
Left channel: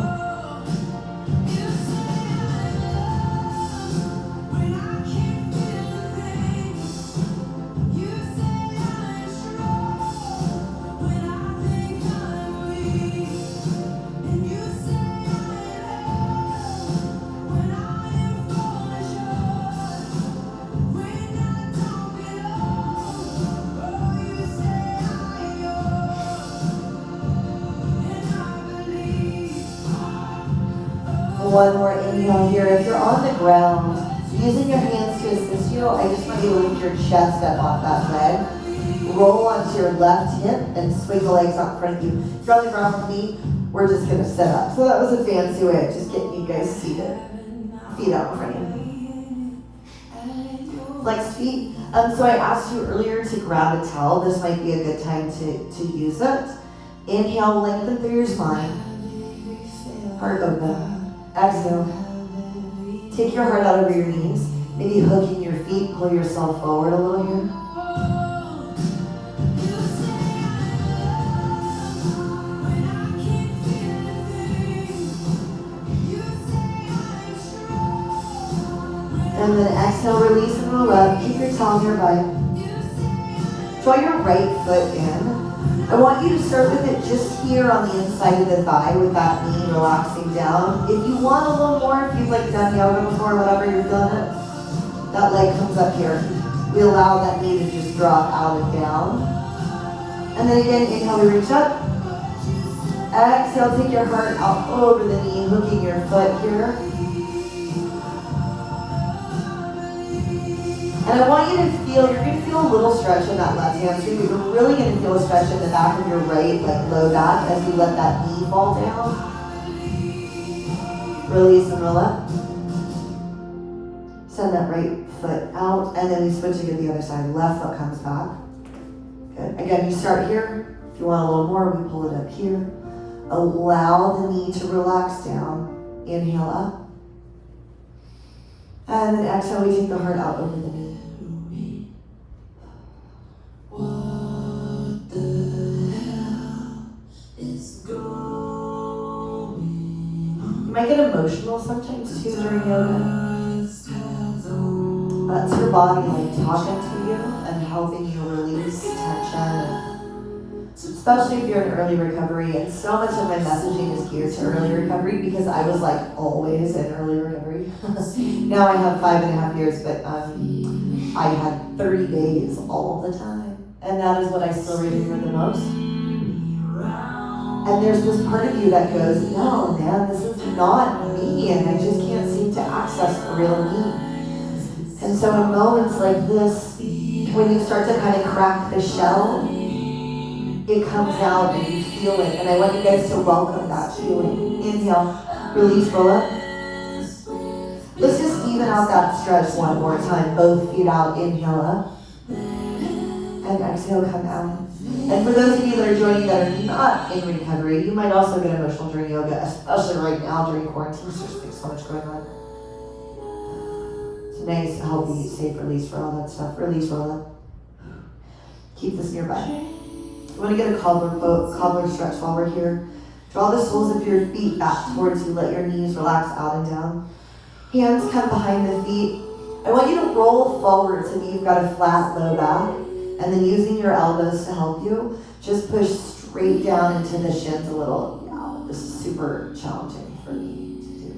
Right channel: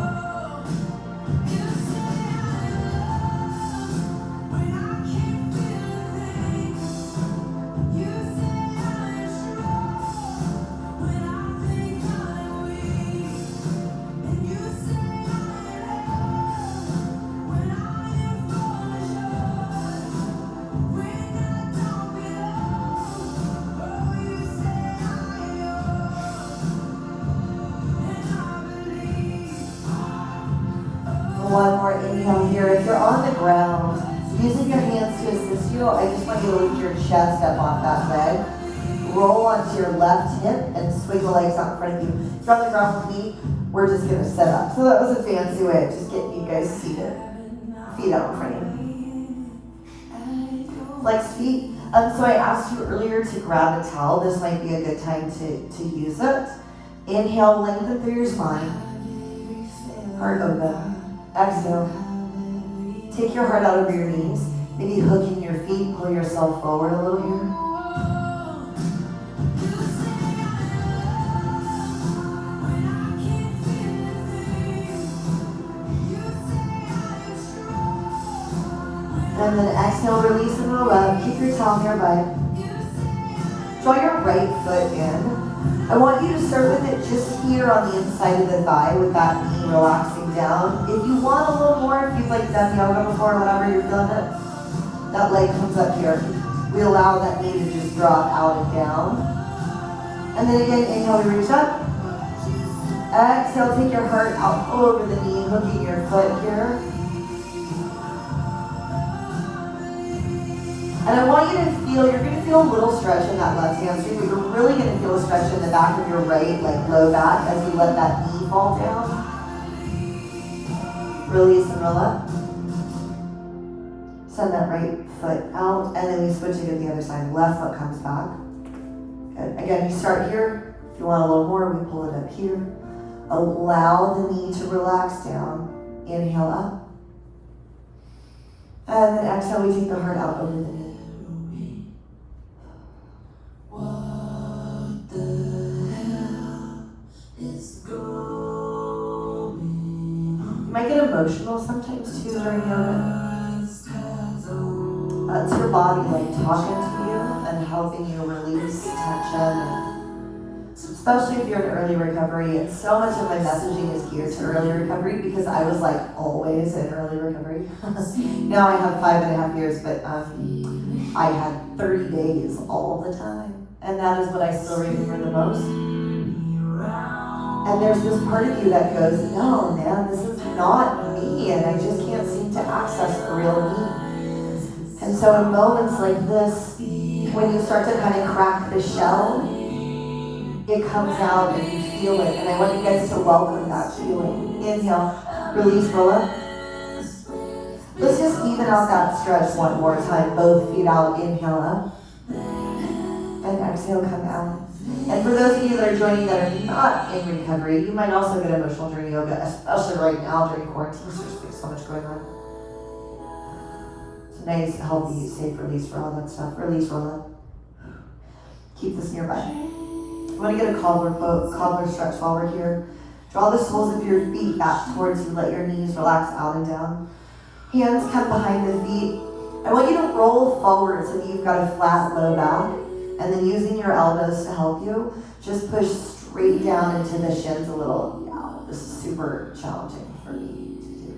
One more inhale here. If you're on the ground, using your hands to assist you, I just want you to lift your chest up off that leg. Roll onto your left hip and swing the legs out in front of you. If you're on the ground with me, we're just going to sit up. So that was a fancy way of just getting you guys seated. Feet out in front of you. Flex feet. So I asked you earlier to grab a towel. This might be a good time to use it. Inhale, lengthen through your spine. Heart open. Exhale. Take your heart out over your knees. Maybe hooking your feet, pull yourself forward a little here. And then exhale, release and roll up. Keep your towel nearby. Draw your right foot in. I want you to start with it just here on the inside of the thigh with that knee relaxing down. If you want a little more, if you've done yoga before, whatever you're feeling it, that leg comes up here. We allow that knee to just drop out and down. And then again, inhale, we reach up. Exhale, take your heart out over the knee, hooking your foot here. And I want you to feel, you're going to feel a little stretch in that left hamstring, but you're really going to feel a stretch in the back of your right, low back, as you let that knee fall down. Release and roll up. Send that right foot out, and then we switch it to the other side. Left foot comes back. Good. Again, you start here. If you want a little more, we pull it up here. Allow the knee to relax down. Inhale up. And then exhale, we take the heart out over the knee. What the hell is going on? You might get emotional sometimes too during yoga. That's your body talking to you and helping you release tension. Especially if you're in early recovery. And so much of my messaging is geared to early recovery because I was always in early recovery. Now I have 5.5 years, but I had 30 days all the time. And that is what I still remember the most. And there's this part of you that goes, no, man, this is not me, and I just can't seem to access the real me. And so in moments like this, when you start to kind of crack the shell, it comes out and you feel it. And I want you guys to welcome that feeling. Inhale, release, roll up. Let's just even out that stretch one more time. Both feet out, inhale up. And exhale, come down. And for those of you that are joining that are not in recovery, you might also get emotional during yoga, especially right now during quarantine. There's so much going on. So nice, healthy, safe release for all that stuff. Release, roll up. Keep this nearby. You want to get a cobbler stretch while we're here. Draw the soles of your feet back towards you. Let your knees relax out and down. Hands come behind the feet. I want you to roll forward so that you've got a flat low back. And then using your elbows to help you, just push straight down into the shins a little. Yeah, this is super challenging for me to do.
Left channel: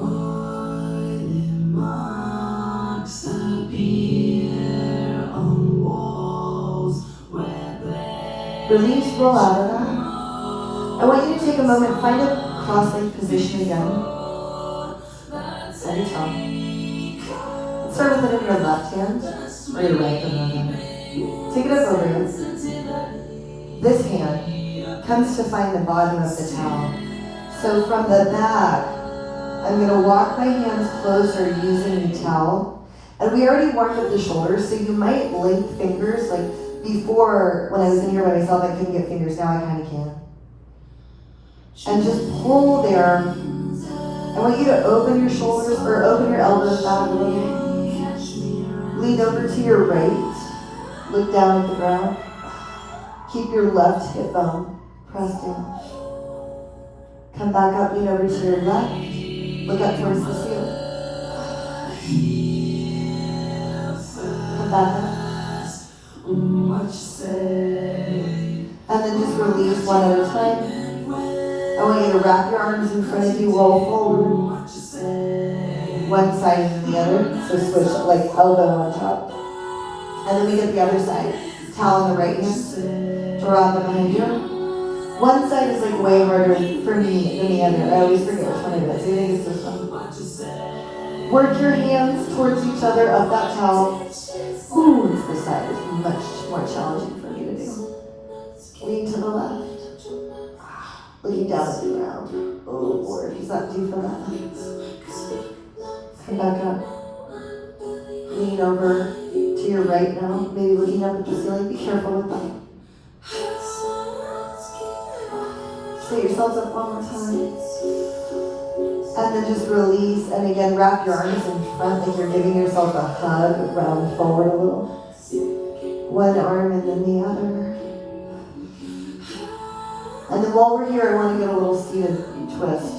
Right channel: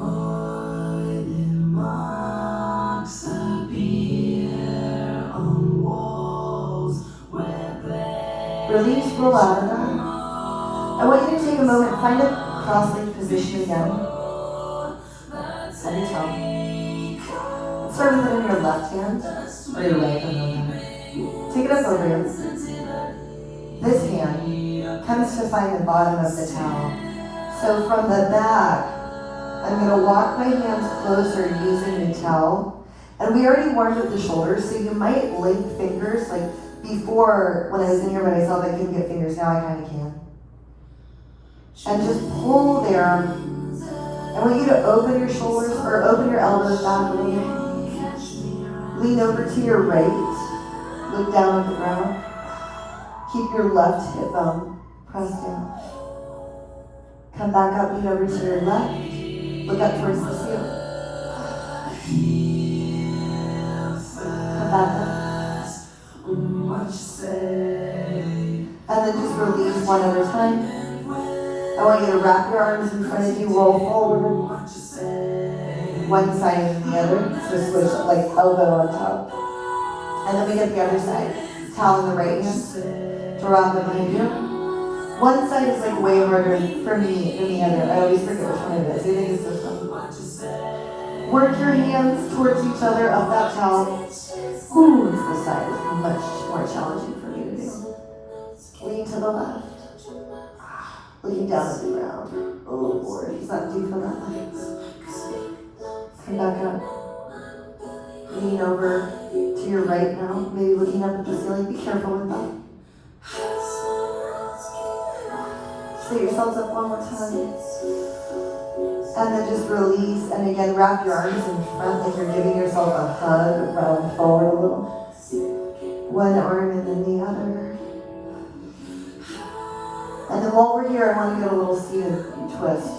Oily marks appear on walls where release, roll out of that. I want you to take a moment, find a cross-legged position again. On your tongue. Start with it in your left hand, or your right hand. Take it up over you. This hand comes to find the bottom of the towel. So from the back, I'm going to walk my hands closer using the towel. And we already warmed up the shoulders, so you might link fingers. Like before, when I was in here by myself, I couldn't get fingers. Now I kind of can. And just pull there. I want you to open your shoulders, or open your elbows back a little bit. Lean over to your right. Look down at the ground. Keep your left hip bone pressed down. Come back up, lean over to your left. Look up towards the ceiling. Come back up. And then just release one at a time. I want you to wrap your arms in front of you, roll forward. One side and the other, so switch like elbow on top. And then we get the other side. Towel in the right hand, drop it behind you. One side is like way harder for me than the other. I always forget which one it is. I think it's this one. Work your hands towards each other up that towel. Ooh, this side is much more challenging for me to do. Lean to the left. Looking down at the ground. Oh Lord, he's not due for that. Come back up. Lean over to your right now. Maybe looking up at the ceiling. Be careful with that. Set yourselves up one more time. And then just release. And again, wrap your arms in front like you're giving yourself a hug. Round forward a little. One arm and then the other. And then while we're here, I want to get a little seated twist.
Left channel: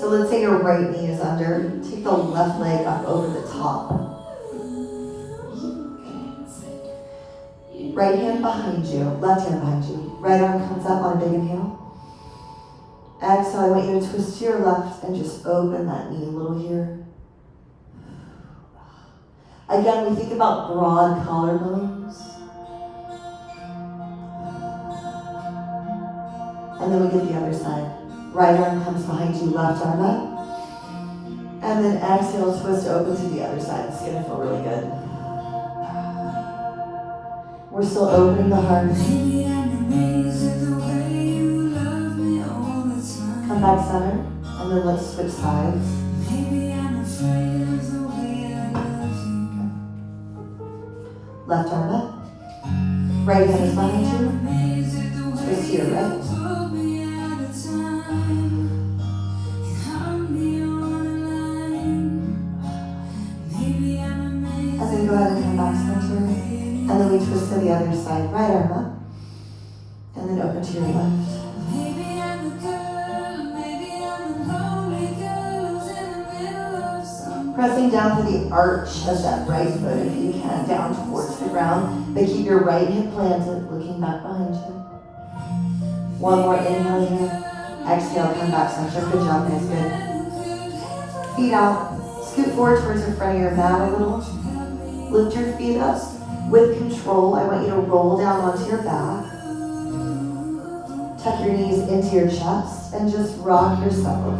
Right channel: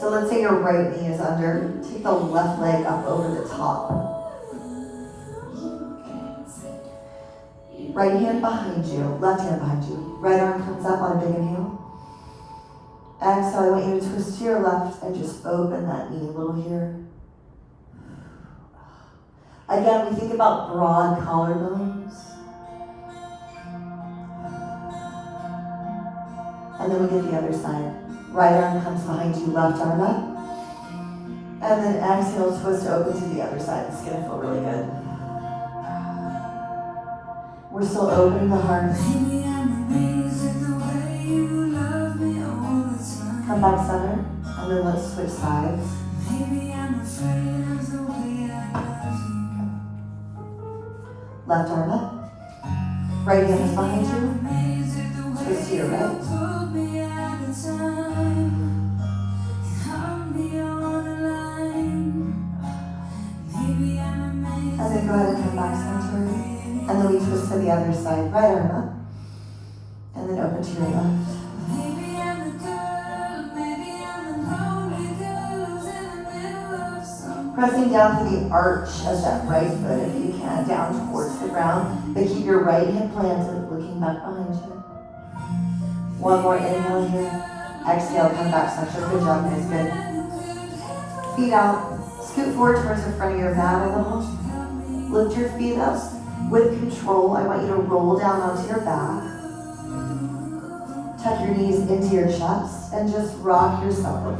So let's say your right knee is under. Take the left leg up over the top. Right hand behind you. Left hand behind you. Right arm comes up on a big inhale. Exhale, I want you to twist to your left and just open that knee a little here. Again, we think about broad collarbones. And then we get the other side. Right arm comes behind you, left arm up. And then exhale, twist open to the other side. It's gonna feel really good. We're still opening the heart. Come back center. And then let's switch sides. Left arm up. Right hand is behind you. Twist to your right. And then go ahead and come back center. And then we twist to the other side. Right arm up. And then open to your left. Pressing down to the arch of that right foot if you can, down towards the ground. But keep your right hip planted, looking back behind you. One more inhale here. Exhale, come back center. Good job, guys. Good. Feet out. Scoot forward towards the front of your mat a little. Lift your feet up. With control, I want you to roll down onto your back. Tuck your knees into your chest and just rock yourself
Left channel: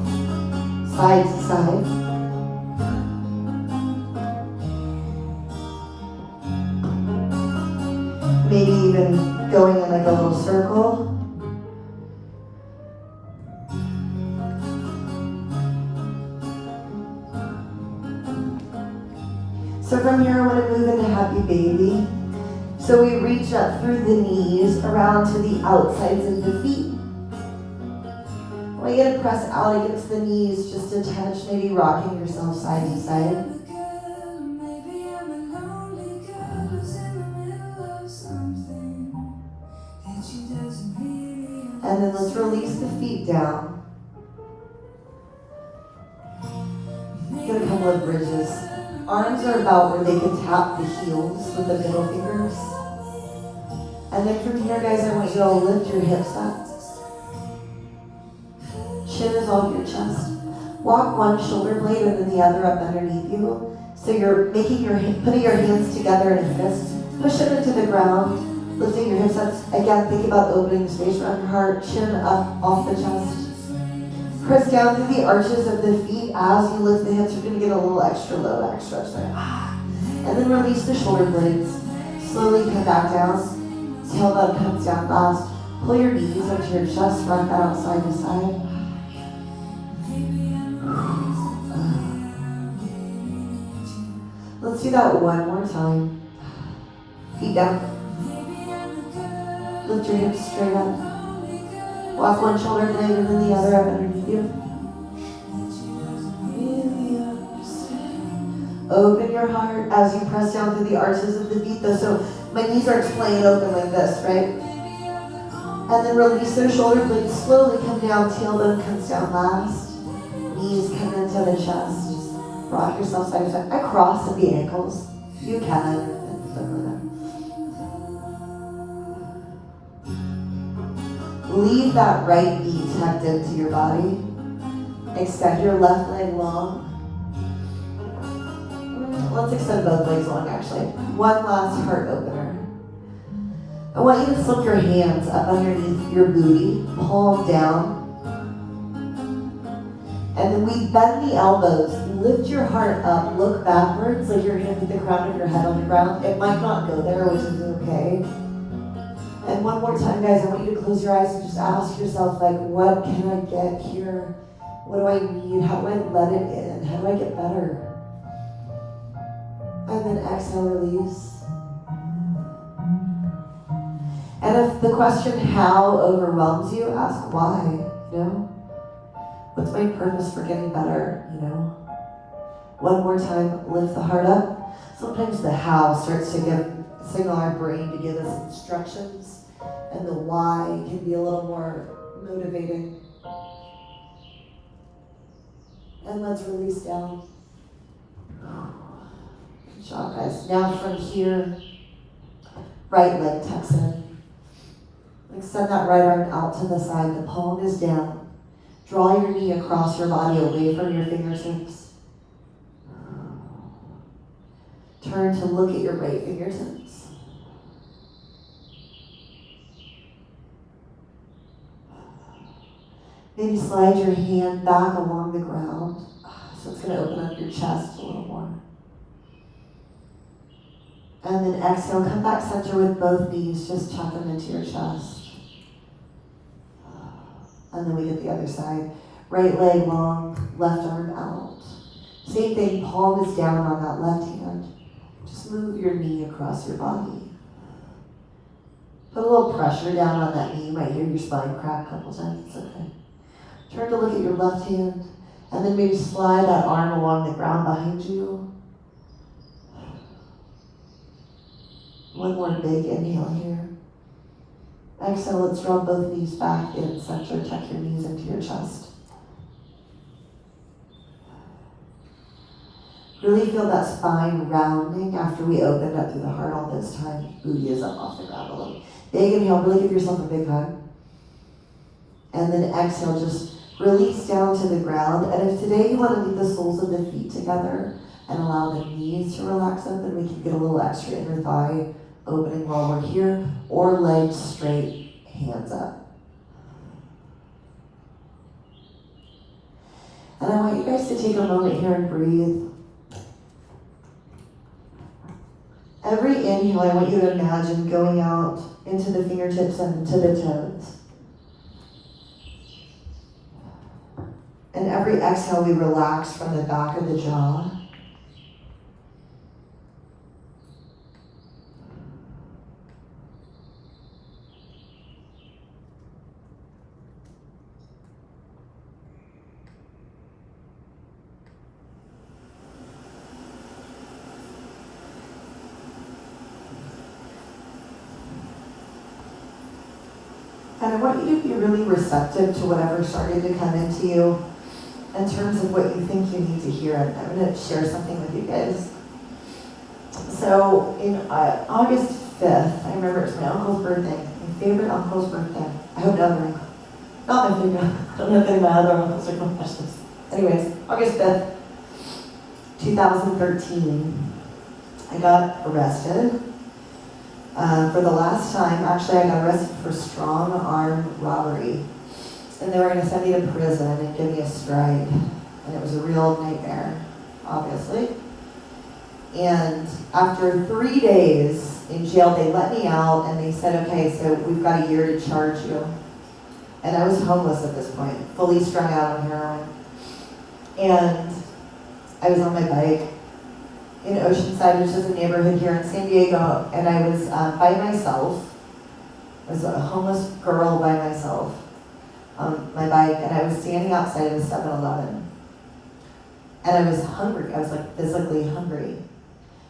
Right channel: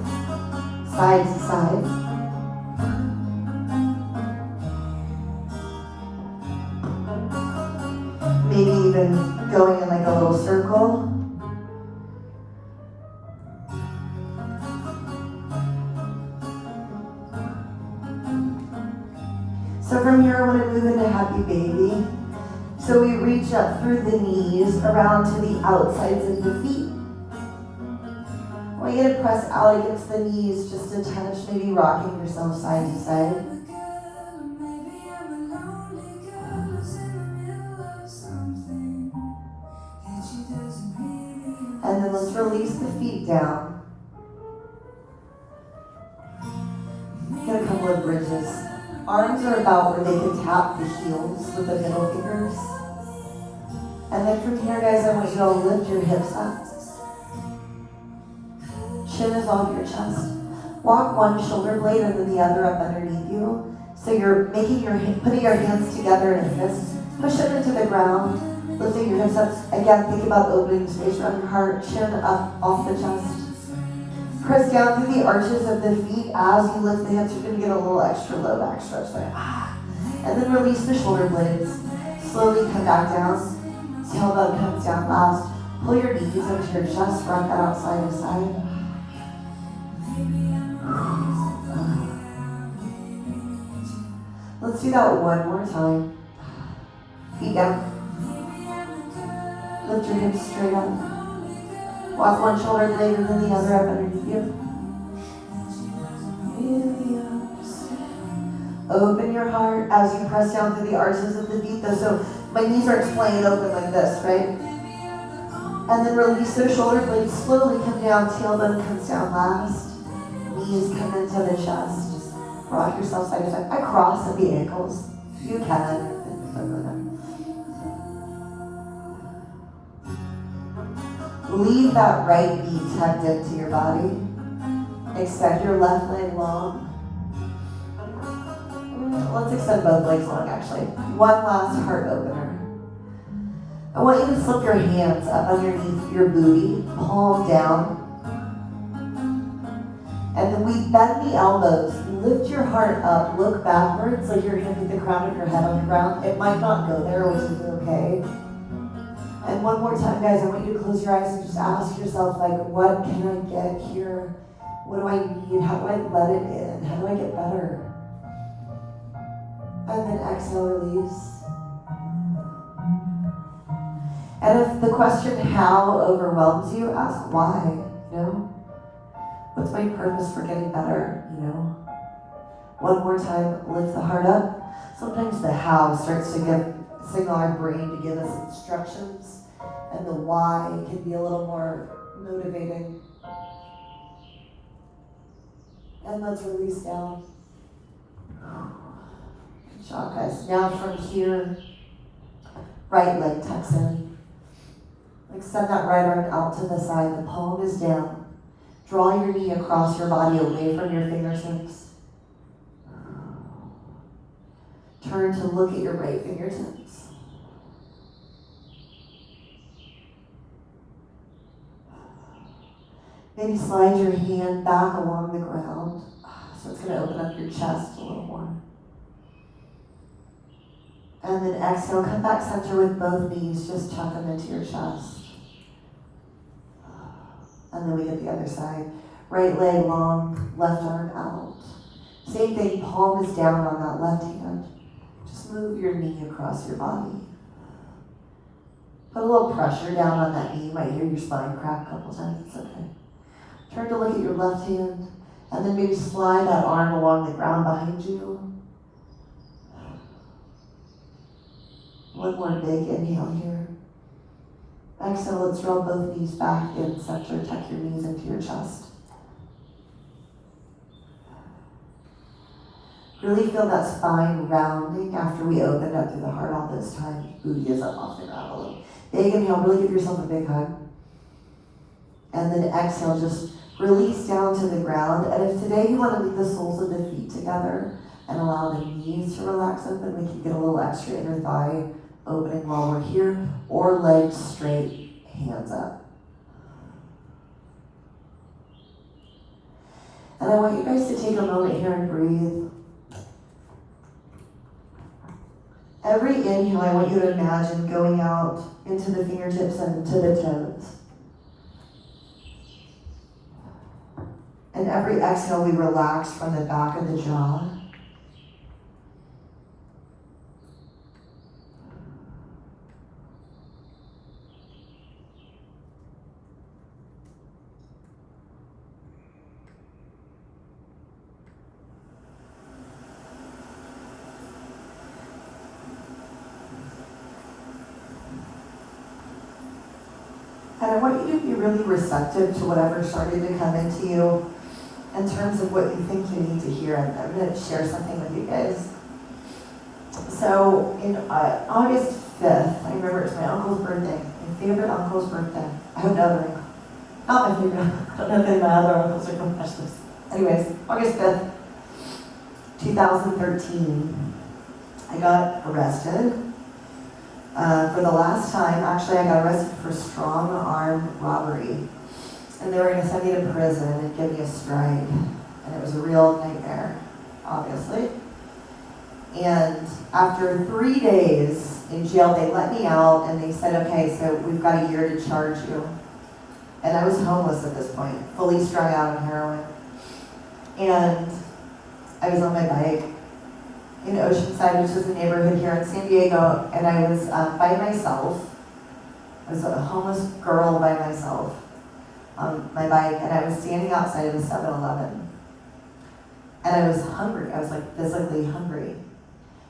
side to side. Maybe even going in like a little circle. So from here, I want to move into happy baby. So we reach up through the knees around to the outsides of the feet. I want you to press out against the knees just a touch, maybe rocking yourself side to side. And then let's release the feet down. Get a couple of bridges. Arms are about where they can tap the heels with the middle fingers. And then from here, guys, I want you to lift your hips up. Chin is off your chest. Walk one shoulder blade and then the other up underneath you. So you're putting your hands together in a fist. Push them into the ground. Lifting your hips up. Again, think about opening space around your heart. Chin up off the chest. Press down through the arches of the feet as you lift the hips. You're going to get a little extra low back stretch there. And then release the shoulder blades. Slowly come back down. Tailbone comes down last. Pull your knees up to your chest. Rock that out side to side. Let's do that one more time. Feet down. Lift your hips straight up. Walk one shoulder blade and then the other up underneath you. Open your heart as you press down through the arches of the feet though. So my knees are playing open like this, right? And then release those shoulder blades. Slowly come down. Tailbone comes down last. Knees come into the chest. Rock yourself side to side. I cross at the ankles. You can. Leave that right knee tucked into your body. Extend your left leg long. Let's extend both legs long, actually. One last heart opener. I want you to slip your hands up underneath your booty, palm down. And then we bend the elbows. Lift your heart up. Look backwards like your hand at the crown of your head on the ground. It might not go there, which is okay. And one more time, guys, I want you to close your eyes and just ask yourself, like, what can I get here? What do I need? How do I let it in? How do I get better? And then exhale, release. And if the question how overwhelms you, ask why, you know? What's my purpose for getting better, you know? One more time, lift the heart up. Sometimes the how starts to signal our brain to give us instructions, and the why can be a little more motivating. And let's release down. Good job, guys. Now from here, right leg tucks in. Extend that right arm out to the side. The palm is down. Draw your knee across your body away from your fingertips. Turn to look at your right fingertips. Maybe slide your hand back along the ground. So it's going to open up your chest a little more. And then exhale, come back center with both knees. Just tuck them into your chest. And then we get the other side. Right leg long, left arm out. Same thing, palm is down on that left hand. Just move your knee across your body. Put a little pressure down on that knee. You might hear your spine crack a couple times. It's okay. Turn to look at your left hand. And then maybe slide that arm along the ground behind you. One more big inhale here. Exhale, let's draw both knees back in center. Tuck your knees into your chest. Really feel that spine rounding after we opened up through the heart all this time. Booty is up off the ground a little. Big inhale, really give yourself a big hug. And then exhale, just release down to the ground. And if today you want to meet the soles of the feet together and allow the knees to relax open, we can get a little extra inner thigh opening while we're here, or legs straight, hands up. And I want you guys to take a moment here and breathe. Every inhale, I want you to imagine going out into the fingertips and to the toes. And every exhale, we relax from the back of the jaw. And I want you to be really receptive to whatever started to come into you in terms of what you think you need to hear. I'm going to share something with you guys. So, in August 5th, I remember it's my uncle's birthday, my favorite uncle's birthday. I hope the other one. Not my favorite. I don't know if my other uncles are confessions. Anyways, August 5th, 2013, I got arrested. For the last time, actually, I got arrested for strong arm robbery. And they were going to send me to prison and give me a strike. And it was a real nightmare, obviously. And after 3 days in jail, they let me out and they said, okay, so we've got a year to charge you. And I was homeless at this point, fully strung out on heroin. And I was on my bike in Oceanside, which is a neighborhood here in San Diego, and I was by myself. I was a homeless girl by myself on my bike, and I was standing outside of the 7-Eleven. And I was hungry. I was like physically hungry.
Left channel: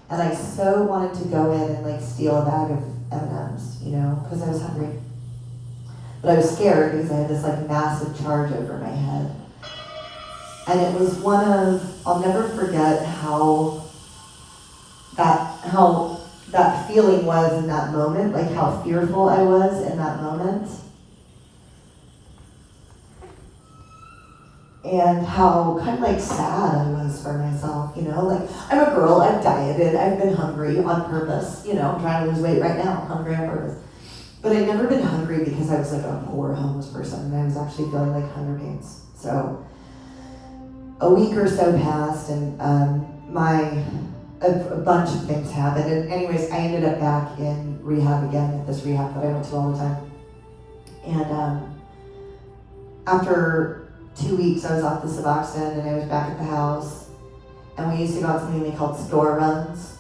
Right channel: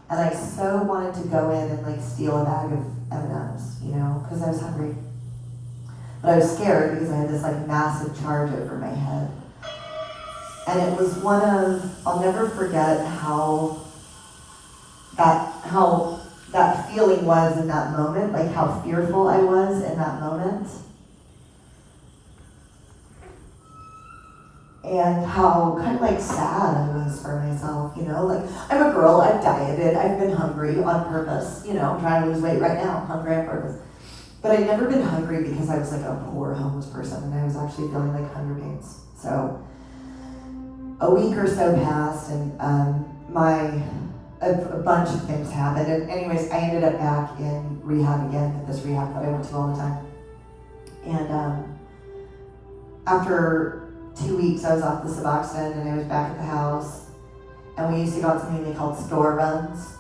And I so wanted to go in and like steal a bag of M&Ms, you know, because I was hungry. But I was scared because I had this like massive charge over my head. And it was one of, I'll never forget how that feeling was in that moment, like how fearful I was in that moment. And how kind of like sad I was for myself, you know, like I'm a girl, I've dieted, I've been hungry on purpose, you know, I'm trying to lose weight right now, I'm hungry on purpose. But I'd never been hungry because I was like a poor homeless person and I was actually feeling like hunger games. So a week or so passed and a bunch of things happened. And anyways, I ended up back in rehab again at this rehab that I went to all the time. And after 2 weeks, I was off the Suboxone and I was back at the house. And we used to go on something they called store runs.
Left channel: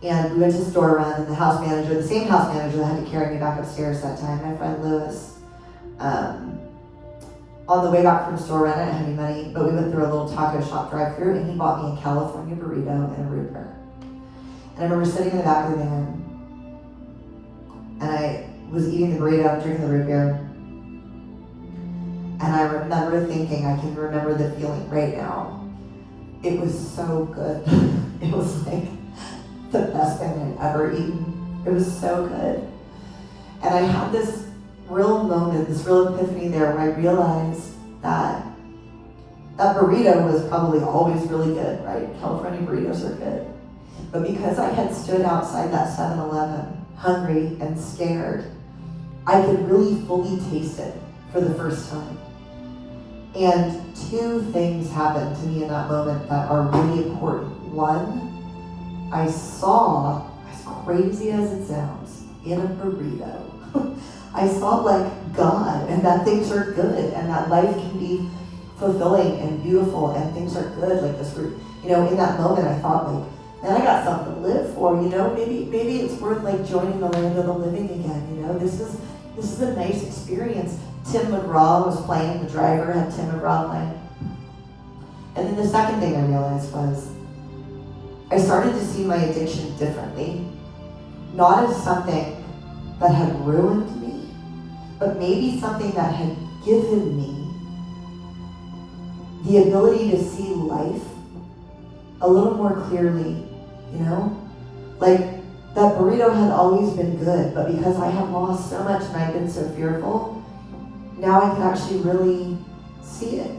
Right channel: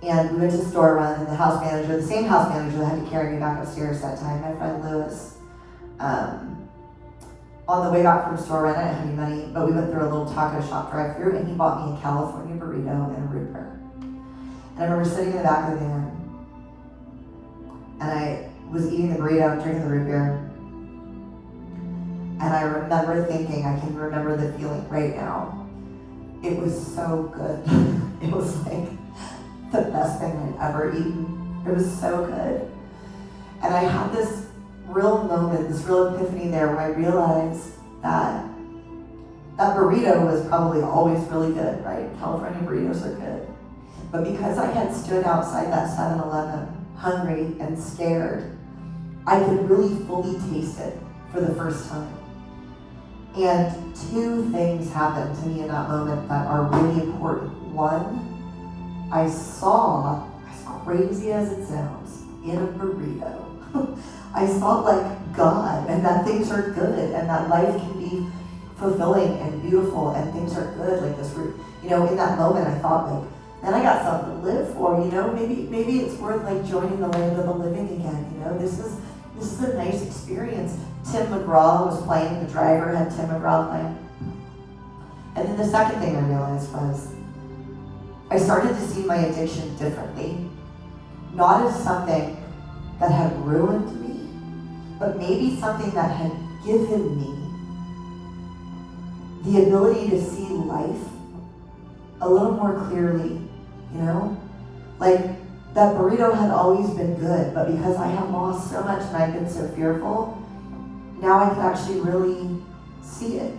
And we went to store run and the house manager, the same house manager that had to carry me back upstairs that time, my friend Lewis, on the way back from store run, I didn't have any money, but we went through a little taco shop drive-thru and he bought me a California burrito and a root beer. And I remember sitting in the back of the van and I was eating the burrito and drinking the root beer. And I remember thinking, I can remember the feeling right now. It was so good. It was like the best thing I'd ever eaten. It was so good. And I had this real moment, this real epiphany there where I realized that burrito was probably always really good, right? California burritos are good. But because I had stood outside that 7-Eleven, hungry and scared, I could really fully taste it for the first time. And two things happened to me in that moment that are really important. One, I saw, as crazy as it sounds, in a burrito, I saw like God and that things are good and that life can be fulfilling and beautiful and things are good like this. You know, in that moment I thought like, man, I got something to live for, you know, maybe it's worth like joining the land of the living again, you know, this is a nice experience. Tim McGraw was playing, the driver had Tim McGraw playing. And then the second thing I realized was, I started to see my addiction differently, not as something that had ruined me, but maybe something that had given me the ability to see life a little more clearly, you know? Like, that burrito had always been good, but because I had lost so much and I'd been so fearful, now I could actually really see it.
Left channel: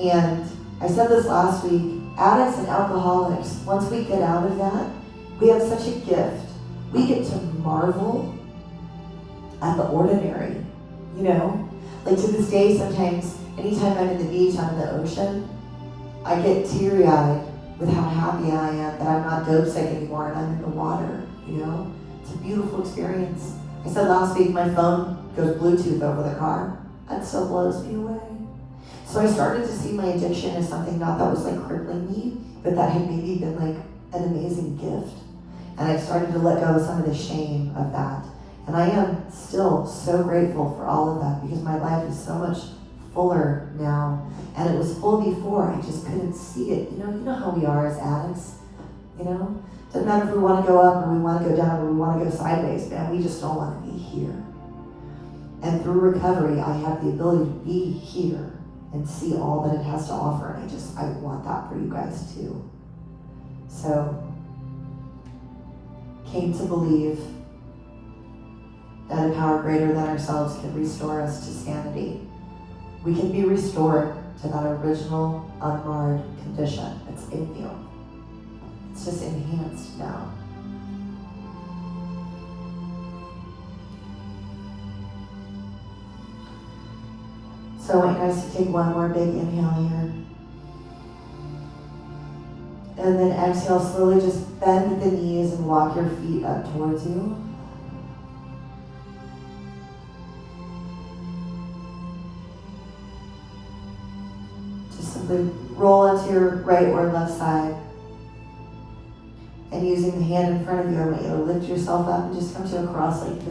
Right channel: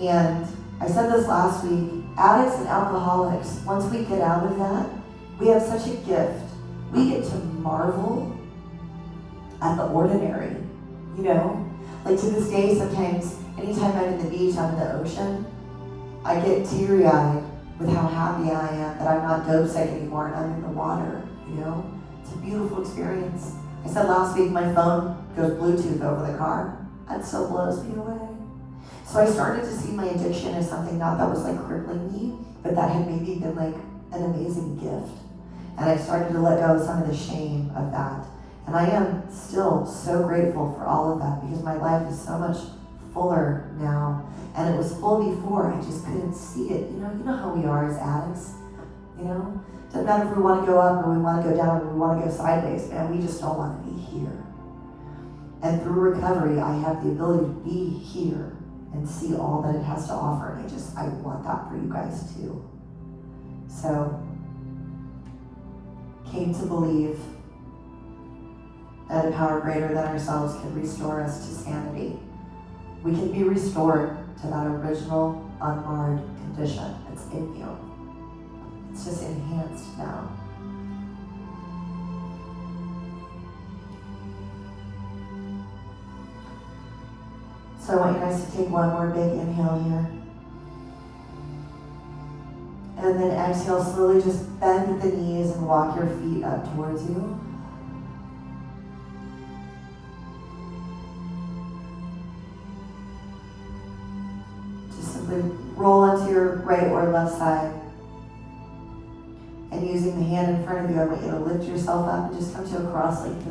And I said this last week, addicts and alcoholics, once we get out of that, we have such a gift we get to marvel at the ordinary, you know? Like to this day, sometimes, anytime I'm in the beach, I'm in the ocean, I get teary-eyed with how happy I am that I'm not dope sick anymore and I'm in the water, you know? It's a beautiful experience. I said last week my phone goes Bluetooth over the car. That still blows me away. So I started to see my addiction as something not that was like crippling me, but that had maybe been like an amazing gift. And I started to let go of some of the shame of that. And I am still so grateful for all of that because my life is so much fuller now. And it was full before, I just couldn't see it. You know how we are as addicts, you know? Doesn't matter if we want to go up or we want to go down or we want to go sideways, man, we just don't want to be here. And through recovery, I have the ability to be here and see all that it has to offer. And I want that for you guys too. So, came to believe that a power greater than ourselves can restore us to sanity. We can be restored to that original, unmarred condition. It's in you. It's just enhanced now. So I want you guys to take one more big inhale here. And then exhale, slowly just bend the knees and walk your feet up towards you. Just simply roll onto your right or left side. And using the hand in front of you, I want you to lift yourself up and just come to a cross-legged position.